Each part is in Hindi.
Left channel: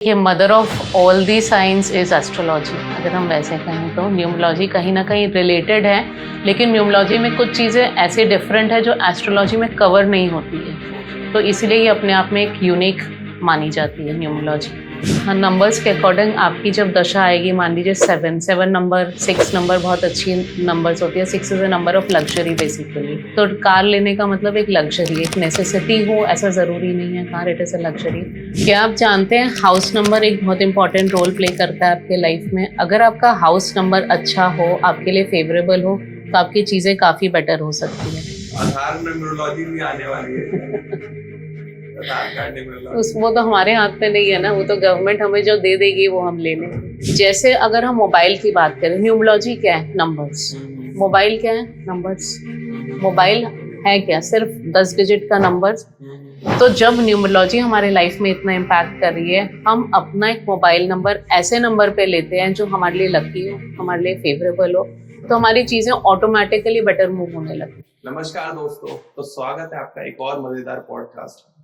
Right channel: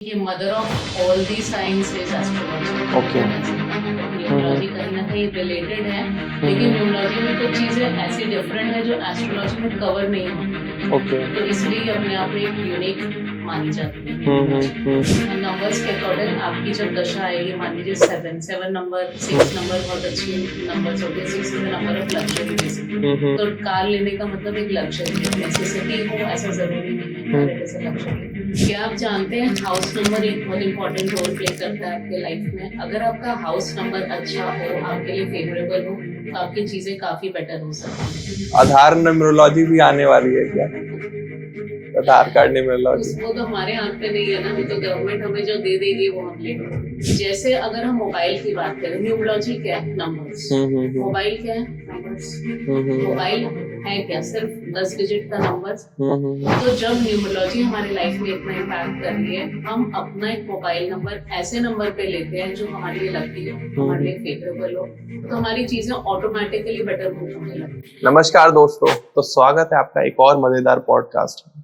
ये mother of all the science is astrology. अगर हम वैसे कहें तो न्यूमरोलॉजी कहीं ना कहीं रिलेटेड है, लेकिन न्यूमरोलॉजी में कुछ चीज़ें ऐसी डिफरेंट है जो एस्ट्रोलॉजी में कवर नहीं होती है। तो इसलिए ये अपने आप में एक यूनिक मानी जाती है न्यूमरोलॉजी। हाँ, नंबर्स के अकॉर्डिंग आपकी जब दशा आएगी, मान लीजिए 7 नंबर, 6 नंबर बहुत अच्छी नंबर्स होती है। 6 is a number of luxury basically. तो कार लेने का मतलब एक लग्जरी, एक नेसेसिटी हो ऐसा ज़रूरी नहीं है। Car it is a luxury. क्या आप जानते हैं हाउस नंबर एक बहुत इंपॉर्टेंट रोल प्ले करता है आपके लाइफ में। अगर आपका हाउस नंबर अच्छा हो, आपके लिए फेवरेबल हो, तो आपकी चीज़ें काफ़ी बेटर हो सकती हैं। आधार न्यूमरोलॉजी भी आने वाली है क्या? आधार कार्ड न्यूमरोलॉजी वो तो हमारे हाथ पे नहीं है ना, वो तो गवर्नमेंट हमें जो दे देगी वो हम ले लेंगे। जैसे अगर हम मोबाइल की बात करें, न्यूमरोलॉजी क्या है? नंबर्स। मोबाइल क्या है? नंबर्स। मोबाइल है क्या? सिर्फ 10 डिजिट का नंबर। तो जब न्यूमरोलॉजी हमारे लाइफ में इतना इम्पैक्ट कर रही है, हम अपना एक मोबाइल नंबर ऐसे नंबर पे लेते हैं जो हमारे लिए लकी हो, हमारे लिए फेवरेबल हो, तो हमारी चीजें ऑटोमेटिकली बेटर मूव होने लगती। नमस्कार दोस्तों, तो स्वागत है आपका एक और मजेदार पॉडकास्ट में।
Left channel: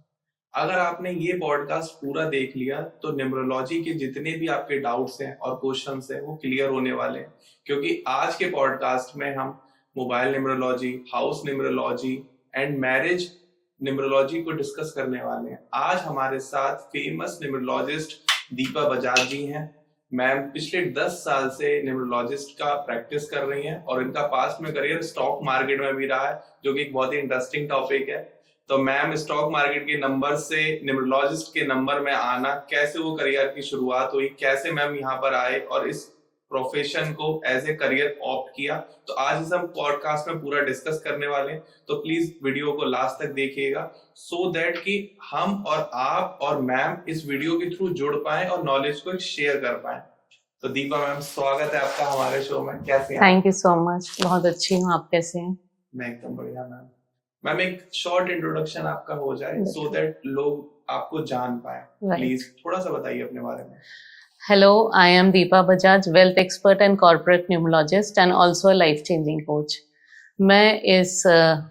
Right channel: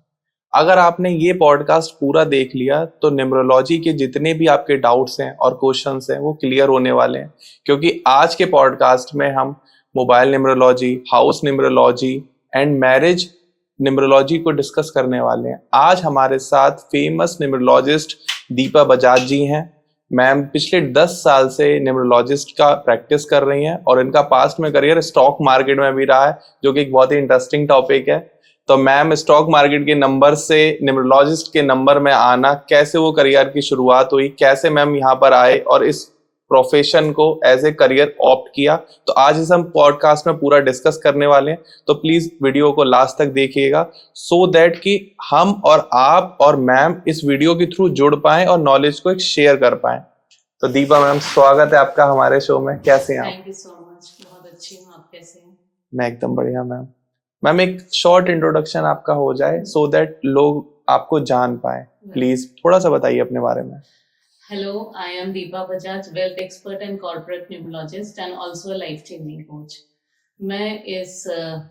अगर आपने ये पॉडकास्ट पूरा देख लिया तो न्यूमरोलॉजी के जितने भी आपके डाउट्स हैं और क्वेश्चंस हैं वो क्लियर होने वाले हैं, क्योंकि आज के पॉडकास्ट में हम mobile numerology, house numerology and marriage numerology को डिस्कस करने वाले हैं। आज हमारे साथ फेमस न्यूमरोलॉजिस्ट दीपा बजाज जी हैं। मैम पिछले 10 साल से न्यूमरोलॉजिस्ट का प्रैक्टिस कर रही हैं और इनका पास्ट में करियर स्टॉक मार्केट में भी रहा है, जो कि एक बहुत ही इंटरेस्टिंग टॉपिक है। तो मैम स्टॉक मार्केट के नंबर से न्यूमरोलॉजिस्ट के नंबर में आना, कैसे वो करियर की शुरुआत हुई, कैसे मैम यहाँ पर आए और इस प्रोफेशन को एज ए करियर ऑप्ट किया, तो आज इस हम पॉडकास्ट में पूरा डिस्कस करने वाले हैं। तो प्लीज वीडियो को लास्ट तक देखिएगा सो दैट कि हम और आप और मैम इस वीडियो के थ्रू जुड़ पाएं और नॉलेज को एक शेयर कर पाएं। तो दीपा मैम, स्वागत है आपका हमारे शो में। कैसे हैं? थैंक यू सो मच, बहुत अच्छी हूँ। आप कैसे हैं? मैं एकदम बढ़िया मैम। मैम एक शॉर्ट इंट्रोडक्शन आपका हो जाए सो दैट लोग आपको जान पाए। प्लीज थोड़ा सा बताइए अपने बारे में। Hello, I am Deepa Bajaj, wealth expert and corporate numerologist and also a life changing coach. मैं इस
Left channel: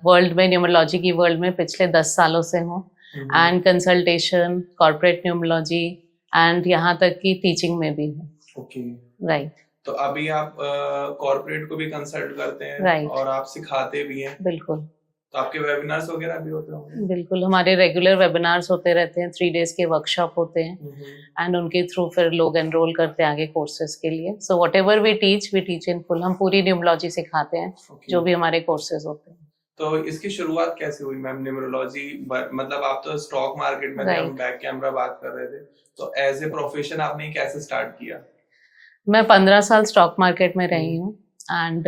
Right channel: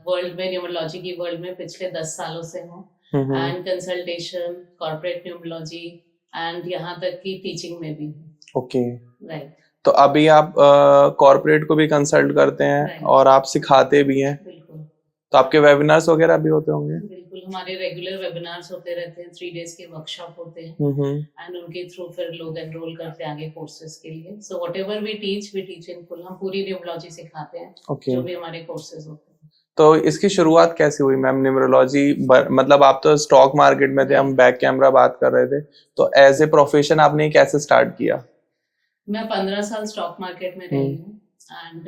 वर्ल्ड में, न्यूमरोलॉजी की वर्ल्ड में पिछले 10 सालों से हूँ and consultation, corporate numerology and यहाँ तक कि टीचिंग में भी हूँ। Okay, right. तो अभी आप कॉर्पोरेट को भी कंसल्ट करते हैं और आप सिखाते भी हैं। बिल्कुल। तो आपके वेबिनार्स वगैरह भी होते होंगे? बिल्कुल, हमारे रेगुलर वेबिनार्स होते रहते हैं, 3 डेज के वर्कशॉप होते हैं एंड उनके थ्रू फिर लोग एनरोल करते हैं आगे कोर्सेज के लिए। So whatever we teach in full. हम पूरी न्यूमरोलॉजी सिखाते हैं, जो भी हमारे कोर्सेज होते हैं। तो इसकी शुरुआत कैसे हुई मैम न्यूमरोलॉजी? मतलब आप तो स्टॉक मार्केट में थे, हम बैक कैमरा बात कर रहे थे, तो एज ए प्रोफेशन आपने कैसे स्टार्ट किया? मैं 15 साल स्टॉक मार्केट में रही हूँ एंड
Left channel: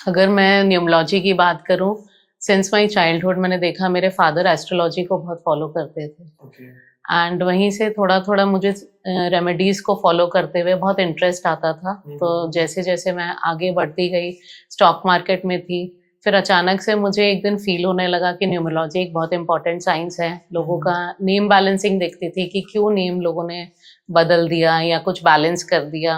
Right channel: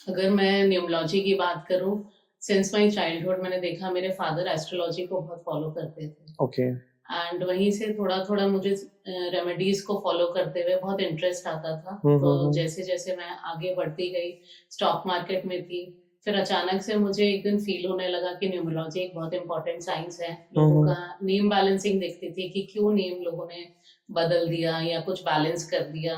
अगर मैं न्यूमरोलॉजी की बात करूं, सिंस माई चाइल्डहुड मैंने देखा मेरे फादर एस्ट्रोलॉजी को बहुत फॉलो करते थे। ओके। एंड वहीं से थोड़ा थोड़ा मुझे रेमेडीज को फॉलो करते हुए बहुत इंटरेस्ट आता था। तो जैसे जैसे मैं आगे बढ़ती गई, स्टॉक मार्केट में थी, फिर अचानक से मुझे एक दिन फील होने लगा कि न्यूमरोलॉजी एक बहुत इंपॉर्टेंट साइंस है। लोगों का नेम बैलेंसिंग देखती थी कि क्यों नेम लोगों ने बदल दिया या कुछ बैलेंस कर दिया।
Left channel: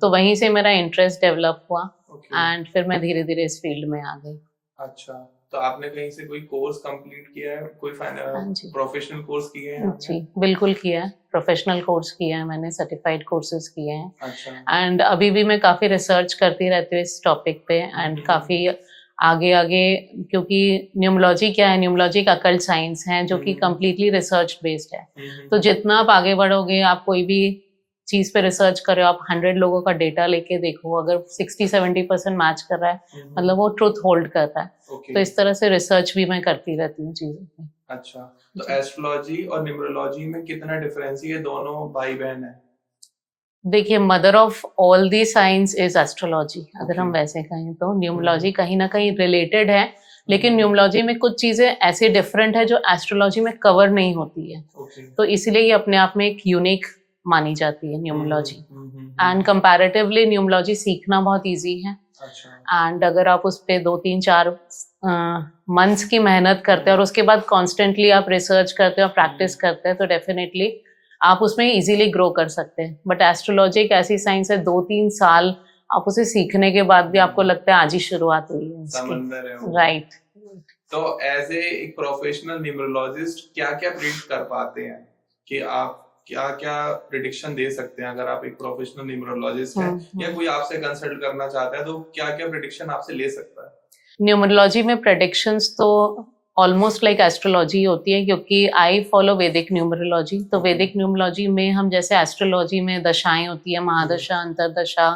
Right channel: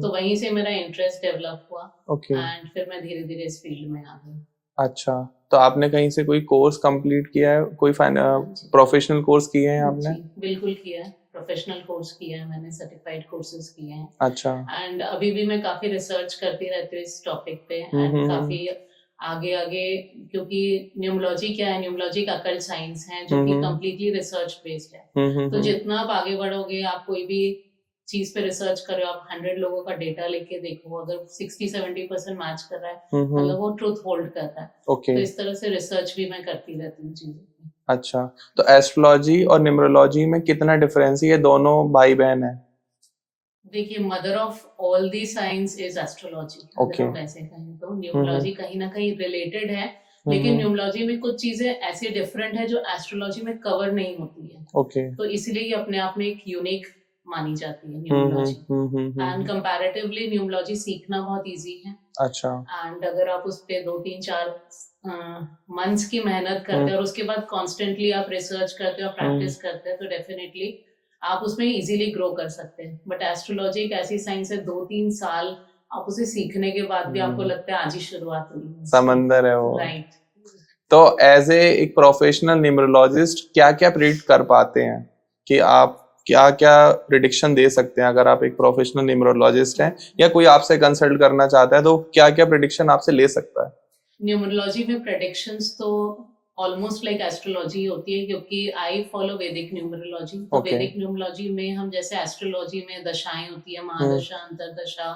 तो वहीं से मेरा इंटरेस्ट डेवलप हुआ एंड फिर मैं धीरे धीरे इस फील्ड में आ गई। अच्छा, तो आपने कहीं से कोई कोर्स कंप्लीट किया है, कोई प्रोफेशनल कोर्स किए हैं आपने? जी बिल्कुल किया है, प्रोफेशनल कोर्स किया है मैंने, सर्टिफाइड कोर्सेज किए हैं। अच्छा। एंड अभी भी मैं काफी रिसर्च करती रहती हूँ इस टॉपिक पे एंड काफी आगे आगे, क्योंकि न्यूमरोलॉजी क्या है? न्यूमरोलॉजी का अकल्ट साइंस है जो कि कम्प्लीटली रिसर्च बेस्ड है। तो जितना आप आगे बढ़ोगे, आप कोई भी चीज पे रिसर्च कर रहे हो, आप 100 लोगों का डेटा लेके देखो, अगर 60-70% मैच कर रहा है, मतलब वो ट्रुथ होल्ड कर रहा है। तो इस तरह से रिसर्च भी मैं करती रहती हूँ चीजों पे। अच्छा, तो एस्ट्रोलॉजी और न्यूमरोलॉजी में कितना डिफरेंस है? ये दोनों भाई बहन है? देखिए, mother of all the science is astrology. अगर हम वैसे कहें तो न्यूमरोलॉजी कहीं ना कहीं रिलेटेड है, लेकिन न्यूमरोलॉजी में कुछ चीजें ऐसी डिफरेंट है जो एस्ट्रोलॉजी में कवर नहीं होती है। तो इसलिए ये अपने आप में एक यूनिक मानी जाती है न्यूमरोलॉजी। एंड कंपैरेटिवली न्यूमरोलॉजी सीखना बहुत इजी है। अच्छा। एंड अगर आप उस पे 2-3-4 मंथ्स की मेहनत करते हैं और उसके बाद कॉन्स्टेंटली आप रिसर्च करते हैं और प्रैक्टिस करते हैं, तो डेफिनेटली आप उसमें इजीली ग्रो कर सकते हैं। बट एस्ट्रोलॉजी एक ऐसी साइंस है, 2-3 साल आप उसे सीखने के बाद भी आपको लगता है आज ही शुरुआत हुई है। समंदर है वो। राइट। तो एज ए एक प्रोफेशनल न्यूमरोलॉजिस्ट क्या क्या प्रेडिक्ट कर पाते हैं कि आप क्या क्या प्रिडिक्शन दे सकते हैं अगर आप एक प्रोफेशनल न्यूमरोलॉजिस्ट हैं या कोई आपसे कंसल्ट करना चाहता है तो क्या क्या प्रिडिक्शन आपसे ले सकता है? न्यूमरोलॉजी में प्रेडिक्शंस तो ऑलमोस्ट लाइक एस्ट्रोलॉजी होती है, क्योंकि आई फॉलो वैदिक न्यूमरोलॉजी। तो Okay. वैदिक न्यूमरोलॉजी में हम जैसे एस्ट्रोलॉजी में दशाएं होती है, महादशा, अंतरदशा,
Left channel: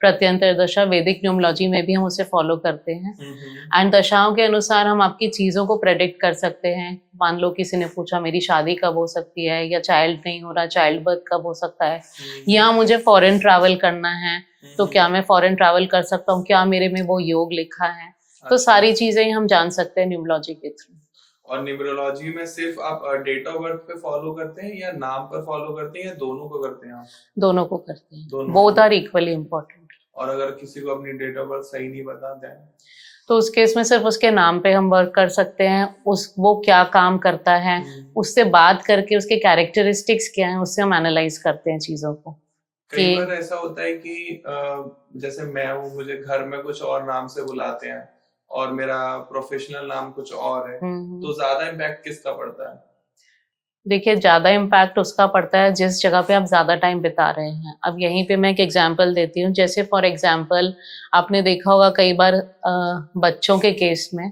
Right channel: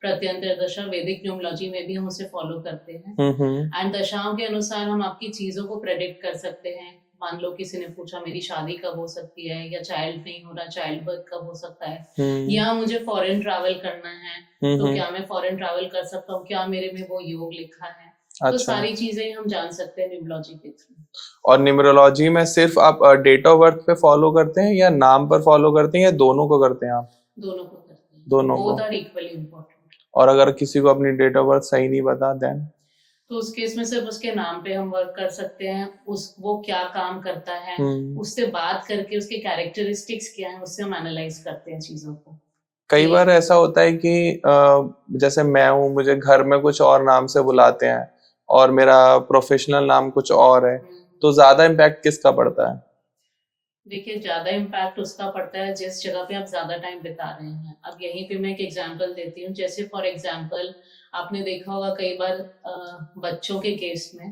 प्रत्यंतर दशा, वैदिक न्यूमरोलॉजी में भी हम उसे फॉलो करते हैं। एंड दशाओं के अनुसार हम आपकी चीज़ों को प्रेडिक्ट कर सकते हैं। मान लो किसी ने पूछा मेरी शादी कब हो सकती है, या चाइल्ड नहीं हो रहा, चाइल्ड बर्थ कब हो सकता है, या मुझे फॉरेन ट्रैवल करना है तो क्या मैं फॉरेन ट्रैवल कर सकता हूँ, क्या मेरे में वो योग लिखा है। तो सारी चीजें हम जान सकते हैं न्यूमरोलॉजी के थ्रू। और न्यूमरोलॉजी में सिर्फ आप डेट ऑफ बर्थ पे फॉलो करते हैं या नाम पर फॉलो करते हैं या दोनों को करते हैं आप? दोनों को करते हैं, दोनों बोथ आर इक्वली इम्पोर्टेंट। और अगर किसी को अपनी डेट ऑफ बर्थ सही नहीं पता देन? तो उस केस में सिर्फ उसके नाम पे हम वर्क कर सकते हैं, वो क्या काम करता है, उससे बात करके उसके कैरेक्टरिस्टिक्स क्या हैं, उससे हम एनालाइज करते हैं चीजों को। कई बार ऐसा होता है कि जैसे मैं हूँ, मुझे घर में कुछ और नाम से बुलाते हैं और मेरा प्रोफेशनल नाम कुछ और है, तो ज्यादा इम्पैक्ट किसका पड़ता है? देखिए, ज्यादा इम्पैक्ट उसका पड़ता है जिस जगह पे आप ज्यादा टाइम बिता रहे हैं। अब यहीं पे मैं एक एग्जांपल देती हूँ। जैसे फॉर एग्जांपल आपने देखा होगा कई बार बच्चों के केस में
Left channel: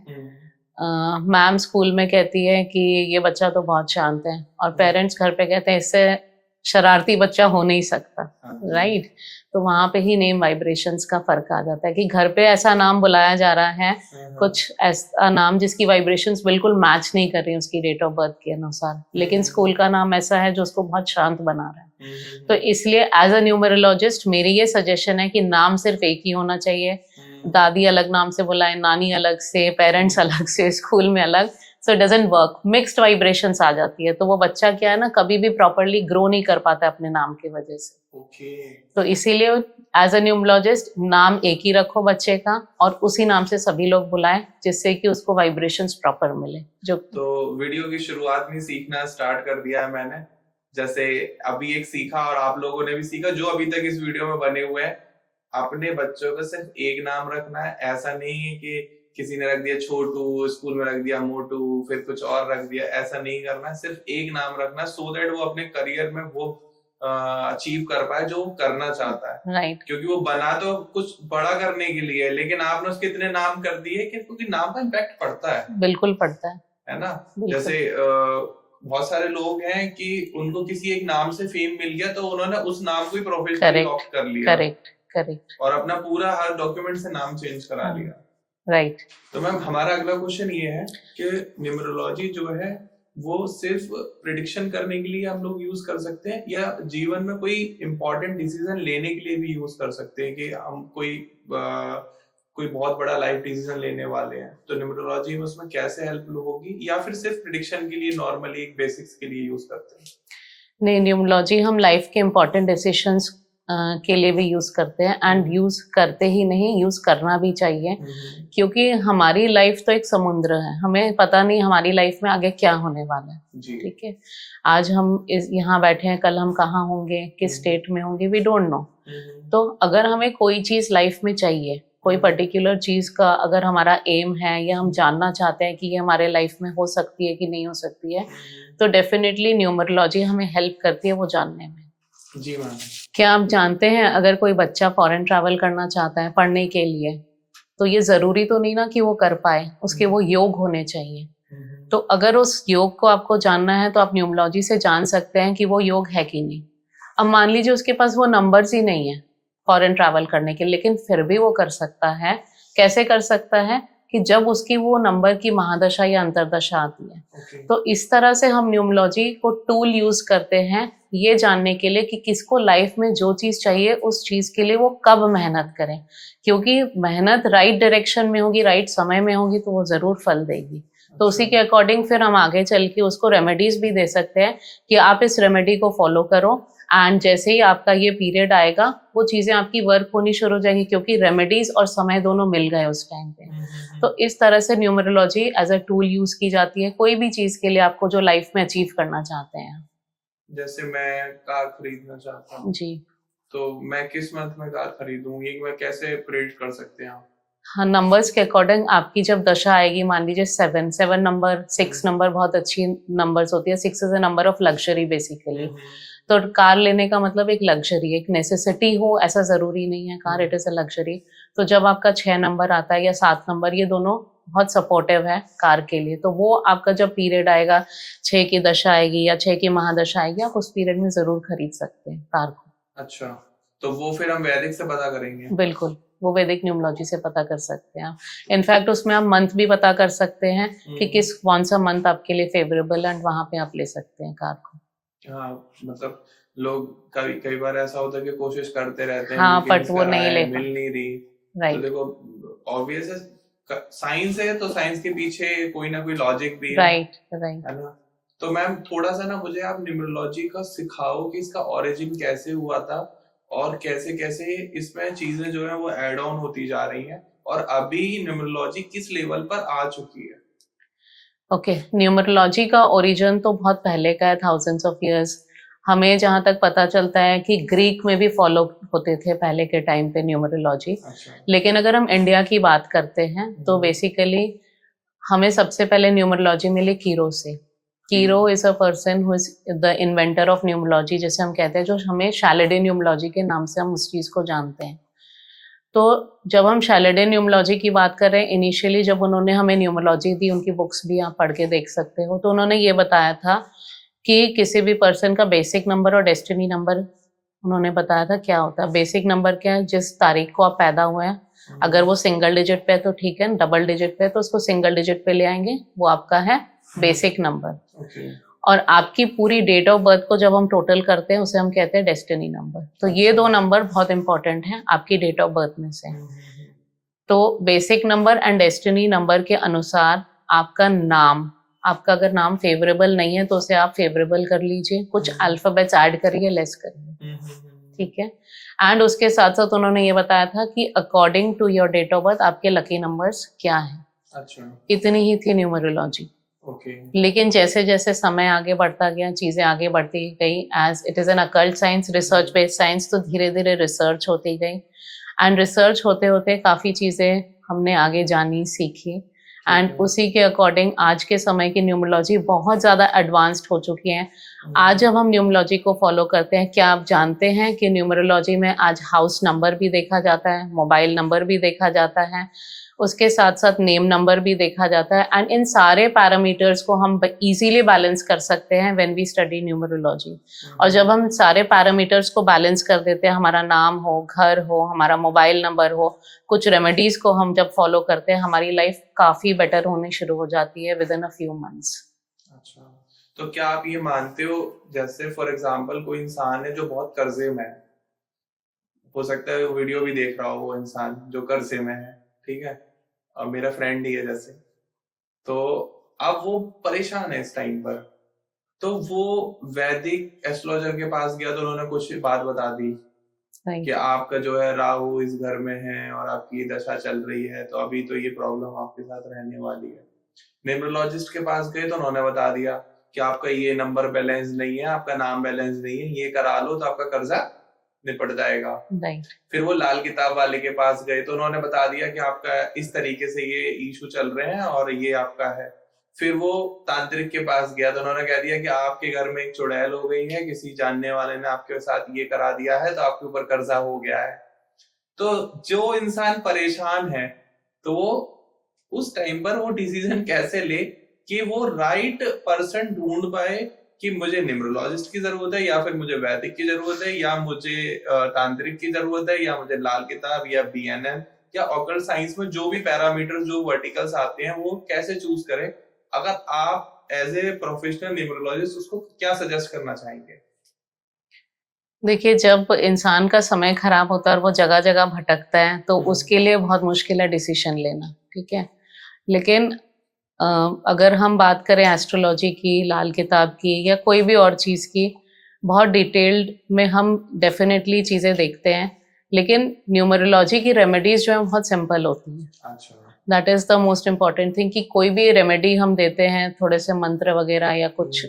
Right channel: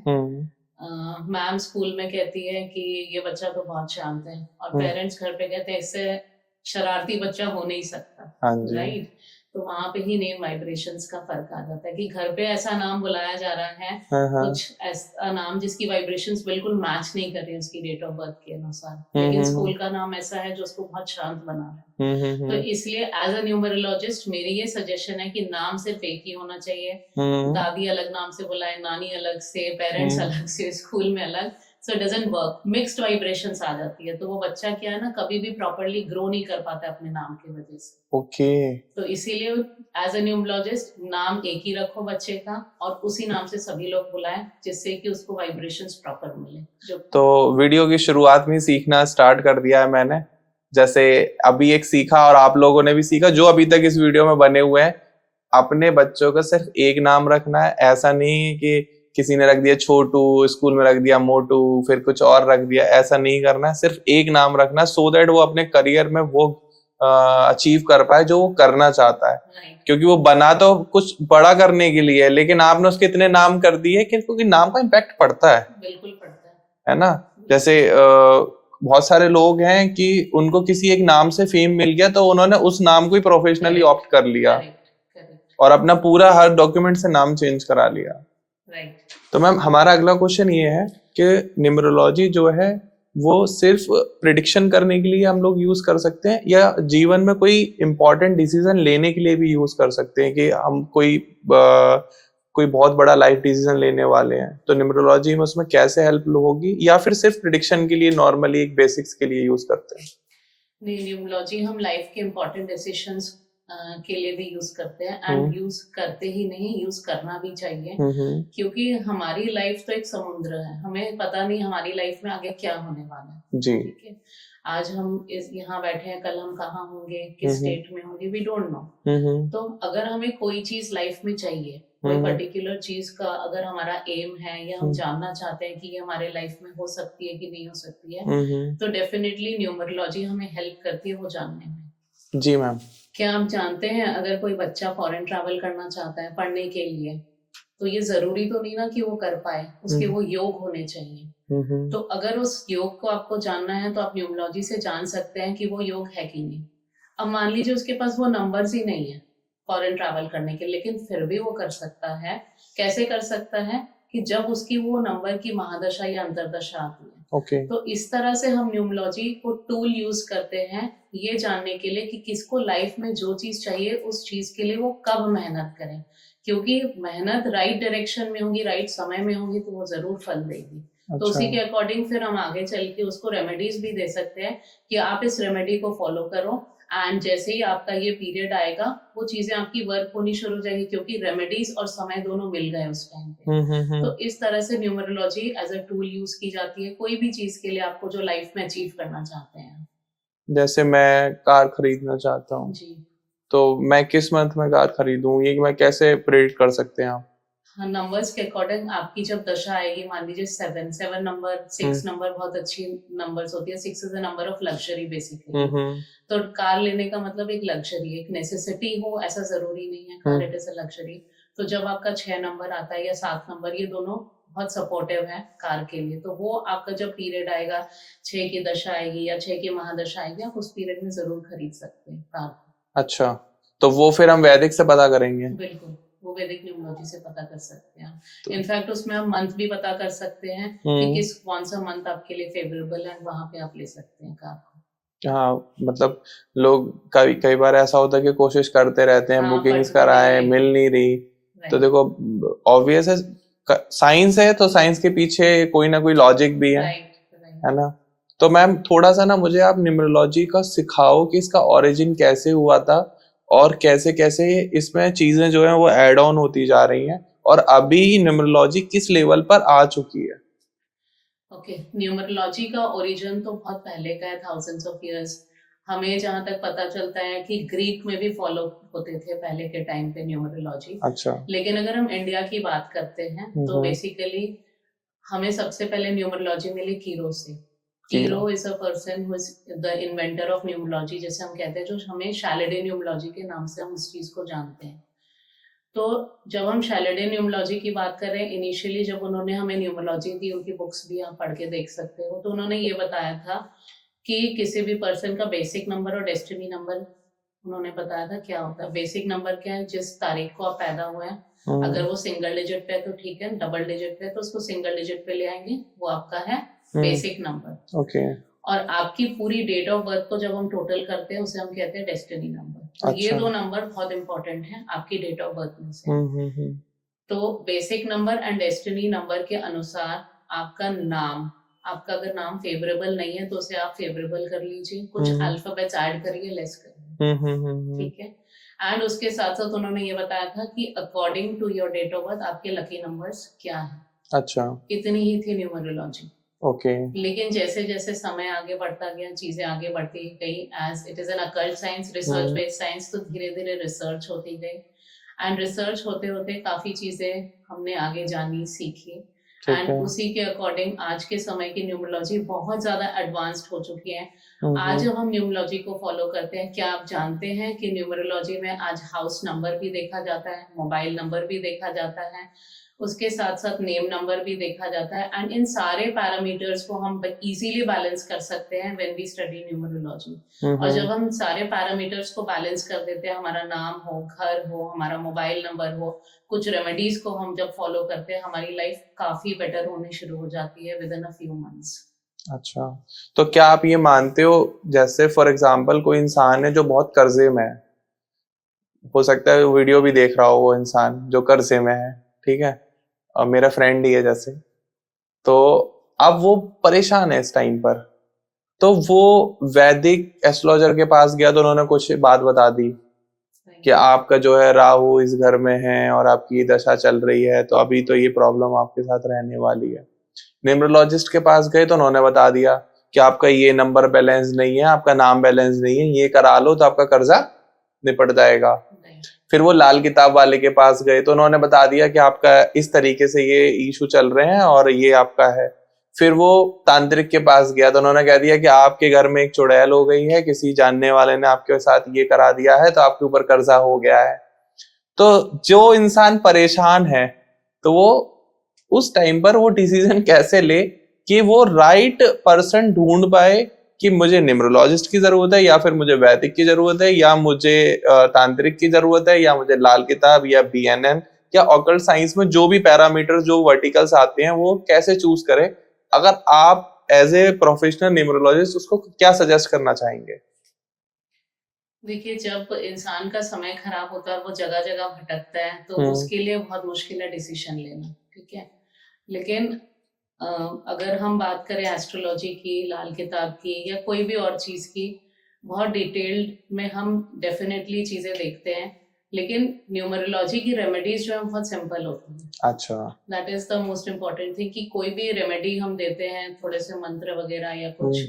मैम स्कूल में कहती है कि ये बच्चा तो बहुत शांत है, और पेरेंट्स घर पे कहते हैं इससे शरारती बच्चा हो नहीं सकता, राइट। तो वहां पे ही नेम वाइब्रेशंस का फर्क आ जाता है कि घर पे ऐसा नाम बुलाया जा रहा है, कुछ ऐसा नाम जिसकी वाइब्रेशंस बिल्कुल मैच नहीं कर रही है उसकी डेट ऑफ बर्थ के अनुसार, लेकिन स्कूल का नाम ऐसा है जो उसको बहुत शांत बना रहा है। तो इसलिए एज अ न्यूमरोलॉजिस्ट मेरी ये सजेशन है कि नाम सिर्फ एक ही होना चाहिए। दादी अलग नाम से बुलाए, नानी अलग से, पेरेंट्स अलग से, स्कूल में अलग, so it doesn't work. Mixed vibrations आ जाती है, तो वो बच्चा क्या है ना, कभी भी प्रॉपरली ग्रो नहीं कर पाता अपने नाम की वजह से। ओके। तो इसीलिए एज अ न्यूमरोलॉजिस्ट नाम एक ही रखो बच्चे का, और उसी नाम से सभी लोग बुलाएं, जिससे कि उसको वाइब्रेशंस प्रॉपर मिले। जो तो वीडियो की शुरुआत में सीखना स्टार्ट कर दिया है मैंने, जैसे अभी एक सीखा और आप लोगों ने भी सीखा जो अभी तक इस वीडियो में बने हुए हैं। अपने बच्चों का सिर्फ एक नाम रखना है, ऐसा नहीं कि किसी ने रख दिया छोटू, स्कूल में रख दिया मोटू, फिर कुछ और रख दिया, ऐसा नहीं करना है। सिर्फ एक नाम रखना है सो दैट वो अपने करियर में वो अचीव कर पाए जो वो करना चाहता है। राइट। क्योंकि वो बना तो कुछ बड़ा करने के लिए, लेकिन आपने उसके इतने नाम कर दिए क्योंकि नाम का इम्पैक्ट पड़ता है। बिल्कुल पड़ता है ना। जैसे बहुत सारे लोग हैं कि उनको किसी एक नाम से फेम मिल गया तो उन्होंने उस नाम को ही प्रोफेशनली ऑप्ट कर लिया। करेक्ट। और अपना पूरा हर डॉक्यूमेंट से नाम चेंज करा लिया। राइट। तो मैम हमारा अगला क्वेश्चन ये है कि न्यूमरोलॉजी जो है वो सिर्फ प्रिडिक्शन करने के लिए हम लोग यूज कर सकते हैं या जीवन में कोई इंपॉर्टेंट डिसीजन लेने के लिए भी यूज कर सकते हैं? कि हम कोई बहुत बड़ा लाइफ डिसीजन लेने वाले हैं तो न्यूमरोलॉजी में उसमें कैसे हेल्प होगी, या फिर सिर्फ प्रिडिक्शन के लिए नॉर्मली एक बेसिक्स के लिए यूज करते हैं? नहीं, न्यूमरोलॉजी हम लाइफ के इम्पोर्टेंट डिसीजंस के लिए भी यूज करते हैं, एंड यूज करते ही नहीं, यूज करना भी चाहिए। क्योंकि हमारी लाइफ तो एक समुद्र है, हमें पता नहीं हमारी लाइफ में आगे क्या होने वाला है। ठीक है, आज हम यहाँ बैठे हैं, कल हम कहाँ होंगे, किस स्टेट में होंगे, वी डोंट नो। तो अगर हमें कोई चीज लाइफ में चाहिए, कोई पर्टिकुलर चीज का अगर हमारा एम है या हम जानना चाहते हैं कि ये हमारे लाइफ में हो सकती है कि नहीं हो सकती है, तो डेफिनेटली न्यूमरोलॉजी हमें हेल्प करती है वो जानने में। जी मैम। क्या आप जानते हैं अगर कोई बच्चा फॉरेन ट्रैवल करना चाहता है पढ़ने के लिए, तो ये जरूरी तो नहीं ना कि वो कर पाए, उसके वो योग होने चाहिए। तो अगर उस योग को आपको जानना है तो आप न्यूमरोलॉजी से जान सकते हैं कि वो योग है कि नहीं। अब मान लीजिए उसके पास वो नंबर्स ही नहीं है फॉरेन ट्रैवल करने के, लेकिन फिर भी वो कर सकता है। कैसे कर सकता है? कि जब उसकी वो नंबर की महादशा या अंतरदशा आती है। तो इस तरह से हम न्यूमरोलॉजी को टूल यूज करते हैं ये जानने के लिए कि किसको लाइफ में जो चीज चाहिए उस चीज के लिए वो कब मेहनत करें। क्योंकि मेहनत राइट डायरेक्शन में होगी, राइट समय में होगी, तो वो जरूर फल देगी। तो उसी के अकॉर्डिंग फिर हम आगे चल के उसको रेमेडीज भी दे सकते हैं कि आप इस रेमेडी को फॉलो करो, एंड जैसे ही आपका ये पीरियड आएगा वो चीजें आपकी वर्क होनी शुरू हो जाएंगी, क्योंकि रेमेडीज और समय दोनों मिल गए उस टाइम पे। तो इस तरह से numerology as a tool use की जाती है कोई भी चीज के लिए आपको जो लाइफ में अचीव करना चाहते हैं। जैसे मैं कार खरीदना चाहता हूँ जी, तो मैं किस मंथ में कार खरीदूं, ये मैं कैसे प्रेडिक्ट कर सकते हैं आप? हाँ, नंबर्स के अकॉर्डिंग आपकी जब दशा आएगी, मान लीजिए 7 नंबर, 6 नंबर बहुत अच्छी नंबर्स होती है। 6 is a number of luxury basically. तो कार लेने का मतलब एक लग्जरी, एक नेसेसिटी हो ऐसा जरूरी नहीं है। Car it is a luxury. तो जब आपका 6 नंबर आता है या 7 नंबर, ये दोनों बहुत सपोर्टिव है कार के लिए। तो वो आपका जब पीरियड आएगा, 6 की दशा आएगी या 6 की महादशा आएगी, आप उस पीरियड में जरूर खरीद सकते हैं कार को। अच्छा, तो वो फिर हम वैदिक से पता करेंगे? बिल्कुल, वो वैदिक न्यूमरोलॉजी से पता कर सकते हैं आप। इनफैक्ट उसमें आप मंथ भी पता कर सकते हैं कि कौन सा मंथ आपके लिए फेवरेबल है, एंड वहां पे आप ले सकते हैं कार को। हाँ, मतलब लोग कई बार ऐसा होता है कि कोशिश करते रहते हैं, हाँ, बुकिंग्स but वो नहीं कराए, ले मिल नहीं रही। तो राइट देखो, ऑब्वियस है, साइंस है तो साइंस के पीछे कोई ना कोई लॉजिक भी है राइट। है ना? तो मैम थोड़ा सा ना मुझे आप न्यूमरोलॉजी का सिखाओ कि इसका ओरिजिन कैसे हुआ था और कैसे कैसे इसमें चीजें जो है वो ऐड ऑन होती जा रही हैं, और अभी न्यूमरोलॉजी किस लेवल पर आ चुकी है। ओके, न्यूमरोलॉजी का ओरिजिन तो बहुत पहले का है, थाउजेंड्स ऑफ इयर्स। हमें जहाँ तक पता चलता है कि ग्रीक में भी फॉलो होते थे पहले के टाइम पे न्यूमरोलॉजी। अच्छा। लेकिन अगर हम इंडिया की बात करते हैं तो बेसिकली हमें सबसे पहले न्यूमरोलॉजी मिली कीरो से। Cheiro is a person who is the inventor of numerology, जैसे हम कहते हैं, जो हमें शैलेडे न्यूमरोलॉजी के नाम से हम उस चीज को जानते हैं। तो जब हम शैलेडे न्यूमरोलॉजी की बात कर रहे हैं, इनिशियली जब उन्होंने हमें न्यूमरोलॉजी दी, उनकी बुक्स भी आप पढ़ के देख सकते हो, तो उन्होंने ये बताया था कि किसी भी पर्सन का बेसिक नंबर और डेस्टिनी नंबर उन्होंने बताया था क्या होता है। बेसिक नंबर क्या है, जिस तारीख को आप पैदा हुए हैं, अगर वो सिंगल डिजिट पे है तो ठीक है, डबल डिजिट पे है तो उसको सिंगल डिजिट पे ले आएंगे, वो आपका है बेसिक नंबर। ओके। और आपकी पूरी डेट ऑफ बर्थ को जब हम टोटल करते हैं, उसे हम कहते हैं डेस्टिनी नंबर। तो ये दो नंबर बहुत इंपॉर्टेंट हैं आपकी डेट ऑफ बर्थ में से। तो basic number and destiny number के अनुसार आपका नाम, आपका अगर नाम फेवरेबल नहीं है तो उसे आप फेवरेबल कर लीजिए, कुछ अल्फाबेट्स ऐड करिए, लेस करिए, ठीक है। एंड उसके साथ साथ उन्होंने ये बताया था कि according to your date of birth आपके लकी नंबर्स क्या है। अच्छा, इतनी ही थी न्यूमरोलॉजी। ओके। लेकिन जैसे जैसे समय आगे बढ़ता गया, चीजें आगे बढ़ती गई, as it is an occult science, research based science, तो धीरे धीरे रिसर्च होती गई। एंड रिसर्च होते होते काफी चीजें हमने आगे जानी, सीखी। एंड उसी के अकॉर्डिंग आज के समय की न्यूमरोलॉजी बहुत ज्यादा एडवांस्ड हो चुकी है। आज जब हम न्यूमरोलॉजी को फॉलो करते हैं, क्या आप जानते हैं कि न्यूमरोलॉजी में आज हाउस नंबर भी देखा जाता है, मोबाइल नंबर भी देखा जाता है, उसके साथ साथ नेम नंबर भी देखा जाता है। एंड इन सारे पैरामीटर्स को हम इजीली बैलेंस कर सकते हैं व्हेन वी स्टडी न्यूमरोलॉजी। और जब हम सारे पैरामीटर्स को बैलेंस कर देते हैं, हमारा नाम हो, घर हो, हमारा मोबाइल नंबर हो, कुछ रेमेडीज को हम जब फॉलो करते हैं, हमारी लाइफ काफी बेटर होनी शुरू हो जाती है with in a few months. अच्छा, तो क्या आप ये मानते हो, जैसे फॉर एग्जांपल कोई इंसान है जो बहुत कर्जे में है, हो सकता है वीडियो भी देख रहा हो वो इंसान जो कर्जे में है, ठीक है, और मेरा फ्रेंड ही है जैसे, तो अब वो परेशान है इस टाइम पर, तो वो वैदिक एस्ट्रोलॉजर के पास गया तो उन्होंने कुछ बात बता दी कि आपका जो है राहु इस घर में है और आपकी दशा चल रही है, तो अभी तो ये प्रॉब्लम आपके साथ रहने वाली है। न्यूमरोलॉजिस्ट के पास गए तो उन्होंने बता दिया कि आपका ये नंबर बैलेंस नहीं है, आपका नाम बैलेंस नहीं है, ये करा लो तो आपका कर्जा निपट जाएगा। फिर वो लाल किताब वाले के पास गए तो उन्होंने बता दिया कि आपका इस तरीके से ये इशू चल रहे हैं और ये आपका है। फिर वो तांत्रिक के पास गया तो उन्होंने कह दिया कि आपके घर में एक चुड़ैल हो गई है, किसी जानने वाले ने आपके साथ ये करा दिया है, तो आपके ऊपर कर्जा हो गया है। तो जो इंसान परेशान है, तो वो उस टाइम पर वो डिसीजन कैसे ले कि वो राइट पर्सन ढूंढ पाए कि मुझे न्यूमरोलॉजिस्ट की जरूरत है, या फिर मुझे वैदिक की जरूरत है, या मुझे तांत्रिक की जरूरत है, या मुझे लाल किताब या BNN या ऑकल्ट साइंस में जो भी पैरामीटर्स, जो वर्टिकल्स आते हैं, वो कैसे चूज करें। अगर आप एज ए प्रोफेशनल न्यूमरोलॉजिस्ट उसको क्या सजेस्ट करना चाहेंगे? देखिए, जब इंसान का समय खराब होता है और वो जगह जगह भटकता है, तो उसके लिए बहुत मुश्किल है डिसीजन लेना, ठीक है। लेकिन अगर हम बात करें एस्ट्रोलॉजी की, लाल किताब की, या कोई भी और चीज़ की, बहुत डिटेल्ड में हम डेफिनेटली चीज़ें देखते हैं, लेकिन न्यूमरोलॉजी की रेमेडीज जो है बहुत सिंपल होती हैं। अच्छा, that is the most important thing कि कोई भी रेमेडी हम देते हैं, थोड़े से मंत्र वगैरह या कुछ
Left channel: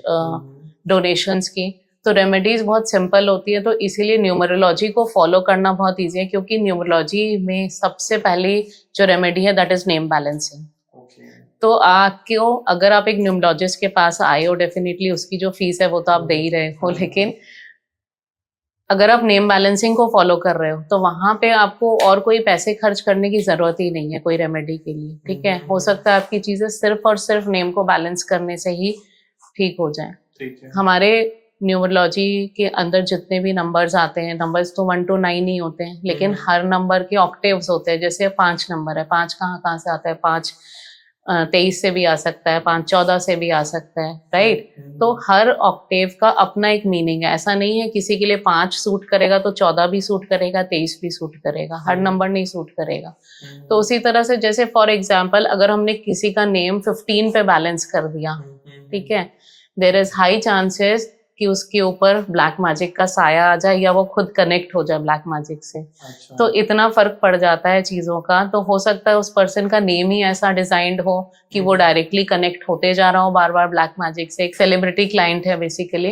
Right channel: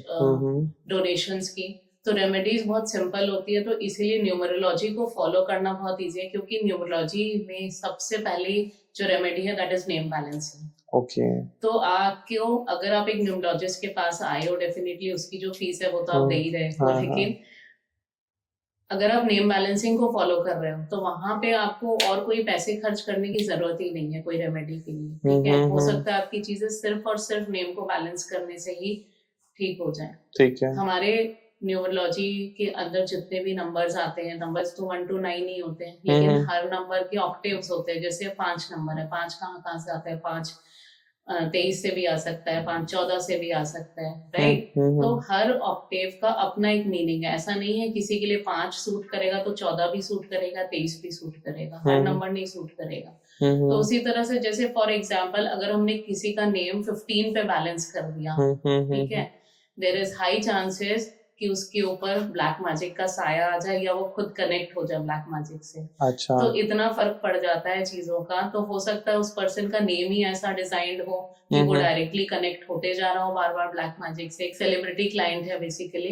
डोनेशंस की, तो रेमेडीज बहुत सिंपल होती है, तो इसीलिए न्यूमरोलॉजी को फॉलो करना बहुत ईजी है, क्योंकि न्यूमरोलॉजी में सबसे पहली जो रेमेडी है that is name balancing. Okay. तो आपको अगर आप एक न्यूमरोलॉजिस्ट के पास आए हो, डेफिनेटली उसकी जो फीस है वो तो आप दे ही रहे हो, हाँ, लेकिन अगर आप नेम बैलेंसिंग को फॉलो कर रहे हो तो वहां पे आपको और कोई पैसे खर्च करने की जरूरत ही नहीं है कोई रेमेडी के लिए, ठीक है। हो सकता है आपकी चीजें सिर्फ और सिर्फ नेम को बैलेंस करने से ही ठीक हो जाए। ठीक है। हमारे न्यूमरोलॉजी के अंदर जितने भी नंबर्स आते हैं, नंबर्स तो 1 to 9 ही होते हैं, लेकिन हर नंबर के ऑक्टेव्स होते हैं। जैसे 5 नंबर है, 5 कहाँ कहाँ से आता है, 5 23 से भी आ सकता है, 5 14 से भी आ सकता है, राइट। तो हर ऑक्टेव का अपना एक मीनिंग है। ऐसा नहीं है किसी के लिए 5 सूट करेगा तो 14 भी सूट करेगा, 23 भी सूट करेगा, हर नंबर नहीं सूट करेगा। तो उसी तरह से जैसे फॉर एग्जाम्पल अगर हमने किसी का नेम 15 पे बैलेंस कर दिया, ठीक है, देयर इज हाई चांसेस कि उसके ऊपर ब्लैक मैजिक का साया आ जाए या वो खुद कनेक्ट हो जाए ब्लैक मैजिक से। अच्छा। तो इतना फर्क पड़ जाता है चीजों का। तो हो सकता है उस पर्सन का नेम ही ऐसा डिजाइंड हो कि वो डायरेक्टली कनेक्ट होते जा रहा हो बार बार ब्लैक मैजिक से। एक सेलिब्रिटी क्लाइंट है बेसिकली,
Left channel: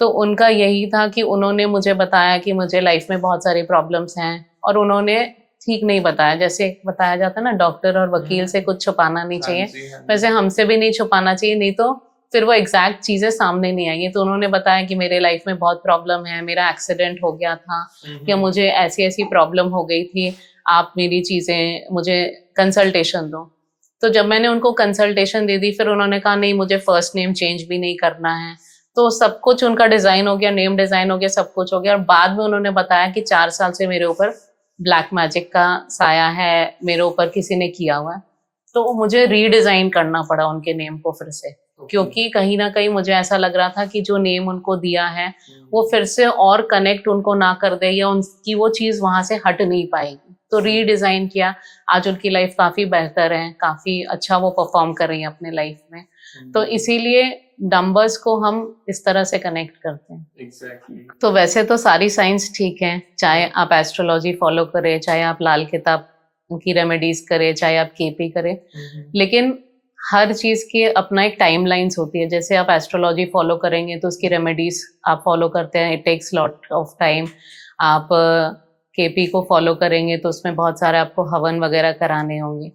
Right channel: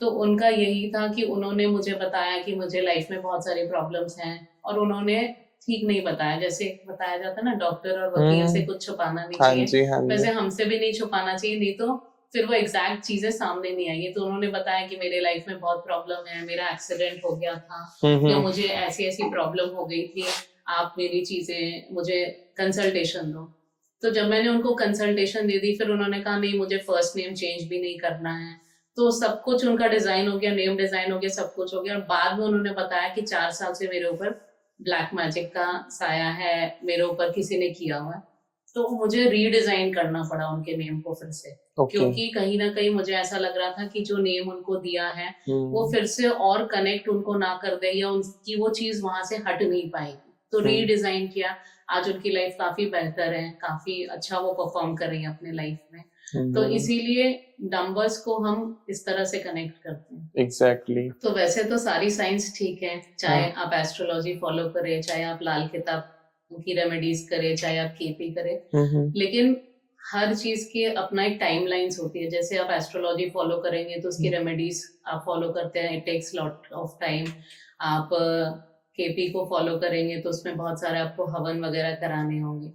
तो उनका यही था कि उन्होंने मुझे बताया कि मुझे लाइफ में बहुत सारी प्रॉब्लम्स हैं, और उन्होंने ठीक नहीं बताया। जैसे बताया जाता है ना, डॉक्टर और वकील से कुछ छुपाना नहीं चाहिए, वैसे हमसे भी नहीं छुपाना चाहिए, नहीं तो फिर वो एग्जैक्ट चीजें सामने नहीं आएंगी। तो उन्होंने बताया कि मेरे लाइफ में बहुत प्रॉब्लम है, मेरा एक्सीडेंट हो गया था या मुझे ऐसी ऐसी प्रॉब्लम हो गई थी, आप मेरी चीजें मुझे कंसल्टेशन दो। तो जब मैंने उनको कंसल्टेशन दे दी, फिर उन्होंने कहा नहीं मुझे फर्स्ट नेम चेंज भी नहीं करना है। तो सब कुछ उनका डिजाइन हो गया, नेम डिजाइन हो गया, सब कुछ हो गया। और बाद में उन्होंने बताया कि 4 साल से मेरे ऊपर ब्लैक मैजिक का साया है, मेरे ऊपर किसी ने किया हुआ है। तो मुझे रीडिजाइन करना पड़ा उनके नेम को फिर से, क्योंकि कहीं ना कहीं मुझे ऐसा लग रहा था कि जो नेम उनको दिया है वो फिर से और कनेक्ट उनको ना कर दे, या उनकी वो चीज वहां से हट नहीं पाएगी। तो रीडिजाइन किया। आज उनकी लाइफ काफी बेहतर है, काफी अच्छा वो परफॉर्म कर रही है अपने लाइफ में। तो इसीलिए नंबर्स को हम इस तरह से कनेक्ट करते हैं। एग्जैक्टली। तो वैसे तो सारी साइंस ठीक है, चाहे आप एस्ट्रोलॉजी फॉलो करें, चाहे आप लाल किताब की रेमेडीज करें, चाहे आप केपी करें, लेकिन हर चीज के अपना एक टाइमलाइंस होती है। जैसे आप एस्ट्रोलॉजी फॉलो करेंगे तो उसकी रेमेडीज आप फॉलो करते हैं, it takes lot of time. आप केपी को फॉलो करेंगे तो उसमें बहुत सारे आपको हवन वगैरह कराने होंगे,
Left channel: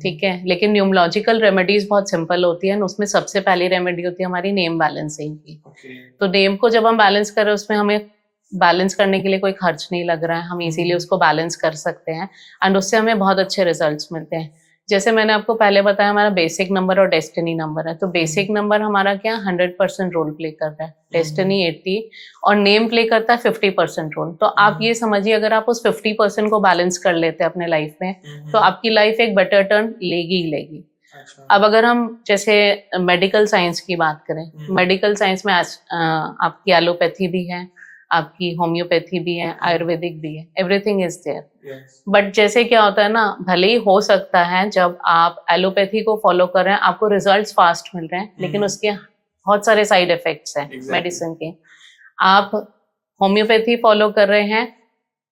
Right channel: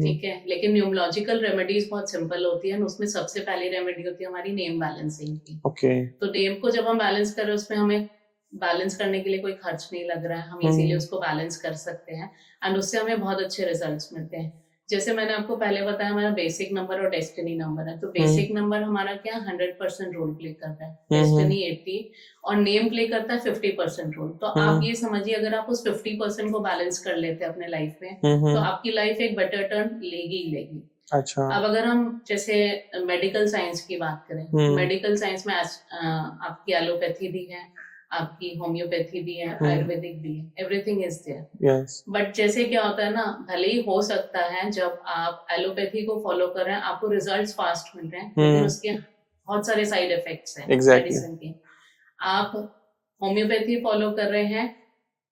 ठीक है। लेकिन न्यूमरोलॉजिकल रेमेडीज बहुत सिंपल होती है, उसमें सबसे पहली रेमेडी होती है हमारी नेम बैलेंसिंग की। तो नेम को जब हम बैलेंस कर रहे हैं, उसमें हमें बैलेंस करने के लिए कोई खर्च नहीं लग रहा है, हम इजीली उसको बैलेंस कर सकते हैं, एंड उससे हमें बहुत अच्छे रिजल्ट्स मिलते हैं। जैसे मैंने आपको पहले बताया, हमारा बेसिक नंबर और डेस्टिनी नंबर है। तो बेसिक नंबर हमारा क्या 100% रोल प्ले करता है, डेस्टिनी 80 और नेम प्ले करता है 50% रोल। तो आप ये समझिए, अगर आप उस 50% को बैलेंस कर लेते हैं अपने लाइफ में, तो आपकी लाइफ एक बेटर टर्न लेगी ही लेगी। अच्छा। अब अगर हम जैसे मेडिकल साइंस की बात करें, मेडिकल साइंस में आपकी एलोपैथी भी है, आपकी होम्योपैथी भी है, आयुर्वेदिक भी है, एवरीथिंग इज देयर। बट जैसे क्या होता है ना, भले ही हो सकता है जब आप एलोपैथी को फॉलो कर रहे हैं आपको रिजल्ट्स फास्ट मिल रहे हैं, लेकिन उसके बहुत सारे साइड इफेक्ट्स हैं मेडिसिन के। आप होम्योपैथी फॉलो कर रहे हैं,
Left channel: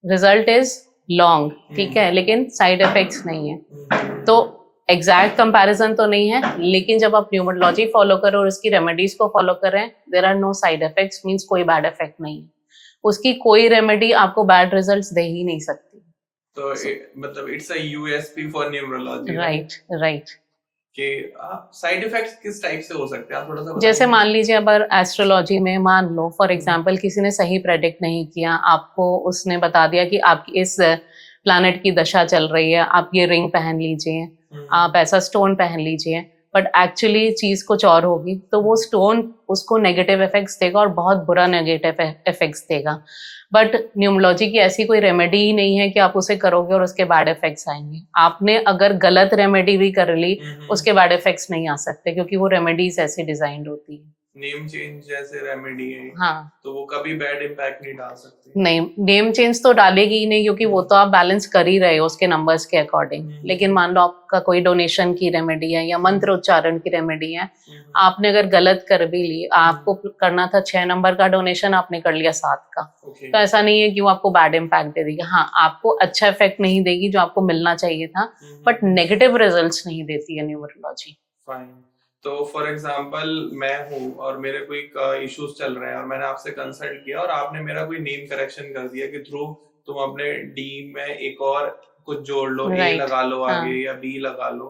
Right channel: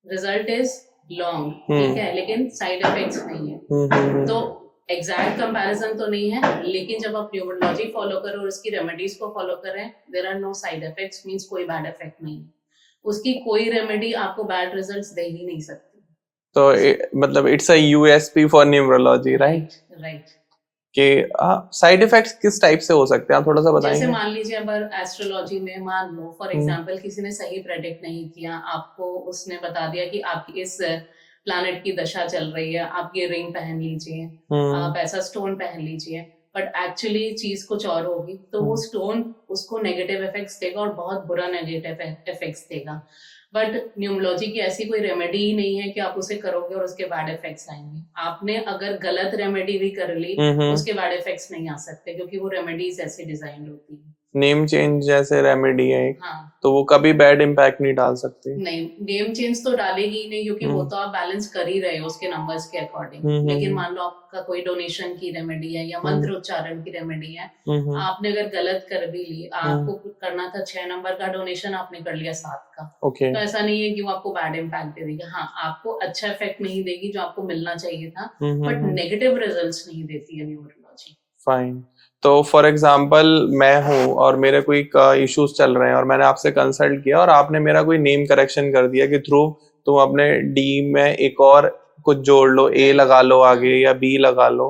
रिजल्ट इज लॉन्ग, ठीक है, लेकिन साइड इफेक्ट्स नहीं है। तो एग्जैक्ट कंपैरिजन तो नहीं है, लेकिन जब आप न्यूमरोलॉजी फॉलो कर रहे हो और उसकी रेमेडीज को फॉलो कर रहे हैं, there are no side effects, means कोई बैड इफेक्ट नहीं है। उसकी कोई रेमेडी आपको बैड रिजल्ट्स दे ही नहीं सकती। तो मतलब it's a USP for numerology, right. कि साइड इफेक्ट्स किस टाइप से हो सकते हैं, आप थोड़ा सा बताएंगे? जैसे मान लीजिए, अगर एस्ट्रोलॉजी में मान लो फॉर एग्जांपल किसी ने सही प्रेडिक्ट नहीं किया, आपको उसने बता दिया कि आपकी इस प्लैनेट की दशा चल रही है, आप ये रिंग पहन लीजिए, आप ऐसा स्टोन पहन लीजिए, बट एक्चुअली चीज कुछ और होगी, तो वो स्टोन उसको नेगेटिव इफेक्ट्स देगा और बहुत बुरा नेगेटिव इफेक्ट्स देगा। बट न्यूमरोलॉजी की ऐसी कोई रेमेडी ही नहीं है कि आप उसे करोगे और उसके बैड इफेक्ट्स आएंगे। आपने अगर गलत रेमेडी भी कर ली, उसके बैड इफेक्ट्स नहीं आ सकते, क्योंकि वो रेमेडीज ऐसी डिजाइंड होती है। नेम चेंज जैसे रेमेडी है, हाँ, तो वो कभी बैड इम्पैक्ट नहीं डाल सकती? नहीं, नेम चेंज तो डालेगी ही नहीं, क्योंकि वो तो आप बैलेंस कर ही रहे हो उसके नंबर्स के अकॉर्डिंग। लेकिन मान लो आपका कोई डोनेशन की रेमेडी है या मंत्र उच्चारण की रेमेडी है, आपने अगर गलत कर भी ली, आपको करना था 6 नंबर का डोनेशन, आपने कर लिया 7 का, तो ऐसा नहीं है कि वो आपको बैड इम्पैक्ट दे देगी। हाँ, आपको अच्छा इफेक्ट नहीं देगी जो आपको मिलना चाहिए था, बट नेगेटिव रिजल्ट्स नहीं देती है न्यूमरोलॉजी। फाइन। तो फॉर एग्जांपल मैं हूँ और मेरे कोई इश्यूज चल रहे हैं और मैंने आपसे कंसल्ट किया और आपने मेरा कोई नेम करेक्शन कर दिया कि ध्रुव तुम अपने डी में एक और कुछ जोड़ लो, ए राइट। लगा लो आगे हाँ या बी लगा लो,